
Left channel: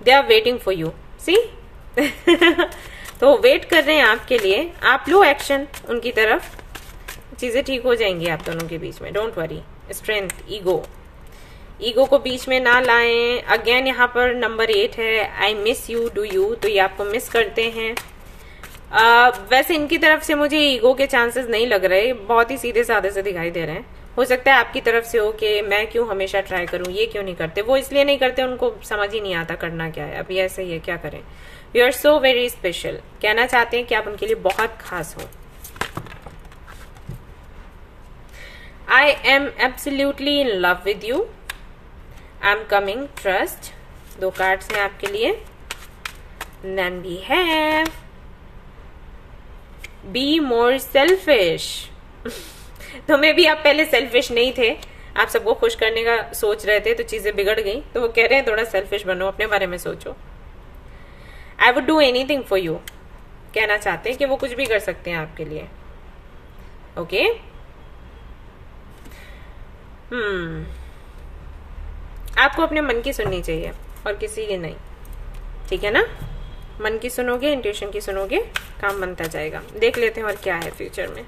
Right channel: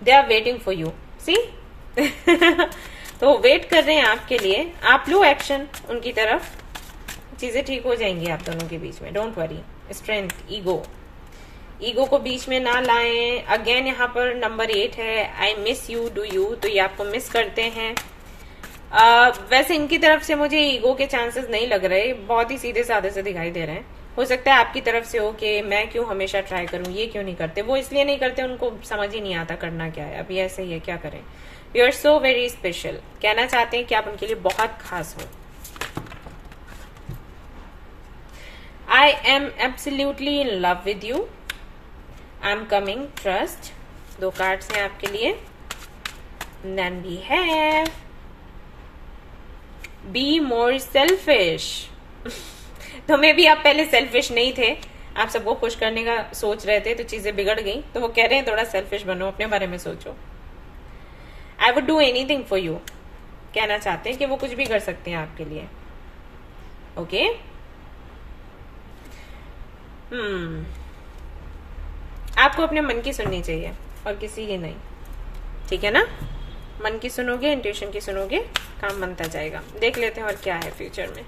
they are waiting for you. See तो वेट कर रहे हैं आपके लिए। आप लो एक्शन उनकी तरफ, चीजें ठीक हो जाएंगी आप दोनों के बीच में। Don't worry. स्ट्रेंथ, ईगो को बीच में ना लाएं। अगेन यहाँ पर नंबर 8 है, I miss you, do you, तो ये आपको मिस करते हैं। वैसे इनकी तरफ से मुझे ईगो के चांसेस नहीं लग रहे, बहुत ही सीधे साधे से दिखाई दे रहे हैं। हो सकता है आपकी तरफ से हो कि मैं क्यों हमेशा ट्राई करूं, ये क्यों नहीं करते। वो इसलिए नहीं करते, उनको समझ ही नहीं आता करना क्या है। अभी ऐसे ही है, क्या करें। You are so very special, कहना चाहते हैं कि आप उनके लिए बहुत खास हो। I am absolutely in love with you, I am coming, trust. 2 cards हैं आपके लिए। Then we have be more selfish. तो मे भी आप पहले सेल्फिश नहीं थे, आप सबको खुश करने का सोच रहे थे, तो चीजें बिगड़ गई, तो वो कह रहे हैं थोड़ा सेल्फिश बनो, अपने बारे में सोचो। I would do anything for you, कहना चाहते हैं कि वो कुछ भी कर सकते हैं आपके लिए। ओके आपको अपने मन की सुननी चाहिए और किसी की नहीं, ठीक है ना। मन की सुनोगे, इंट्यूशन की सुनोगे, काम बनता जाएगा। देख लेते हैं और क्या है फ्यूचर में।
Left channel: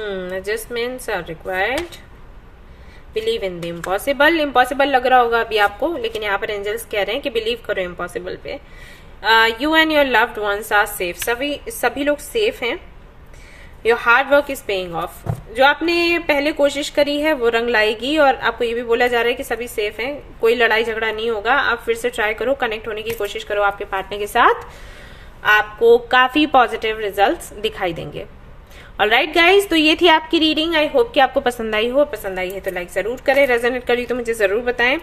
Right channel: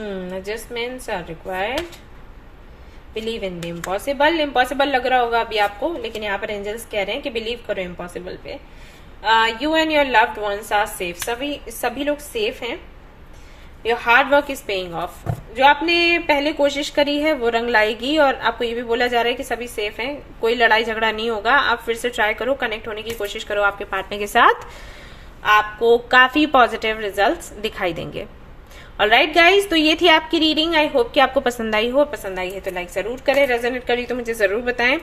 Adjustments are required. Believe in the impossible. Impossible लग रहा होगा अभी आपको, लेकिन यहाँ पर एंजल्स कह रहे हैं कि बिलीव करो इम्पॉसिबल पे। You and your loved ones are safe. सभी लोग सेफ हैं। Your hard work is paying off. जो आपने पहले कोशिश करी है वो रंग लाएगी, और आपको ये भी बोला जा रहा है कि सभी सेफ हैं, कोई लड़ाई झगड़ा नहीं होगा। आप फिर से ट्राई करो, कनेक्ट होने की कोशिश करो आपके पार्टनर के साथ, आपको काफी पॉजिटिव रिजल्ट्स दिखाई देंगे। ऑलराइट गाइज, तो ये थी आपकी रीडिंग। आई होप कि आपको पसंद आई हो। पसंद आई है तो लाइक जरूर करें, रेजोनेट करी तो मुझे जरूर बताएं,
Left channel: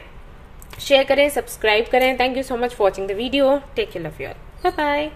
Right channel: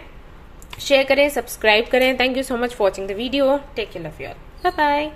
शेयर करें, सब्सक्राइब करें। Thank you so much for watching the video. Take care, love you all, bye bye.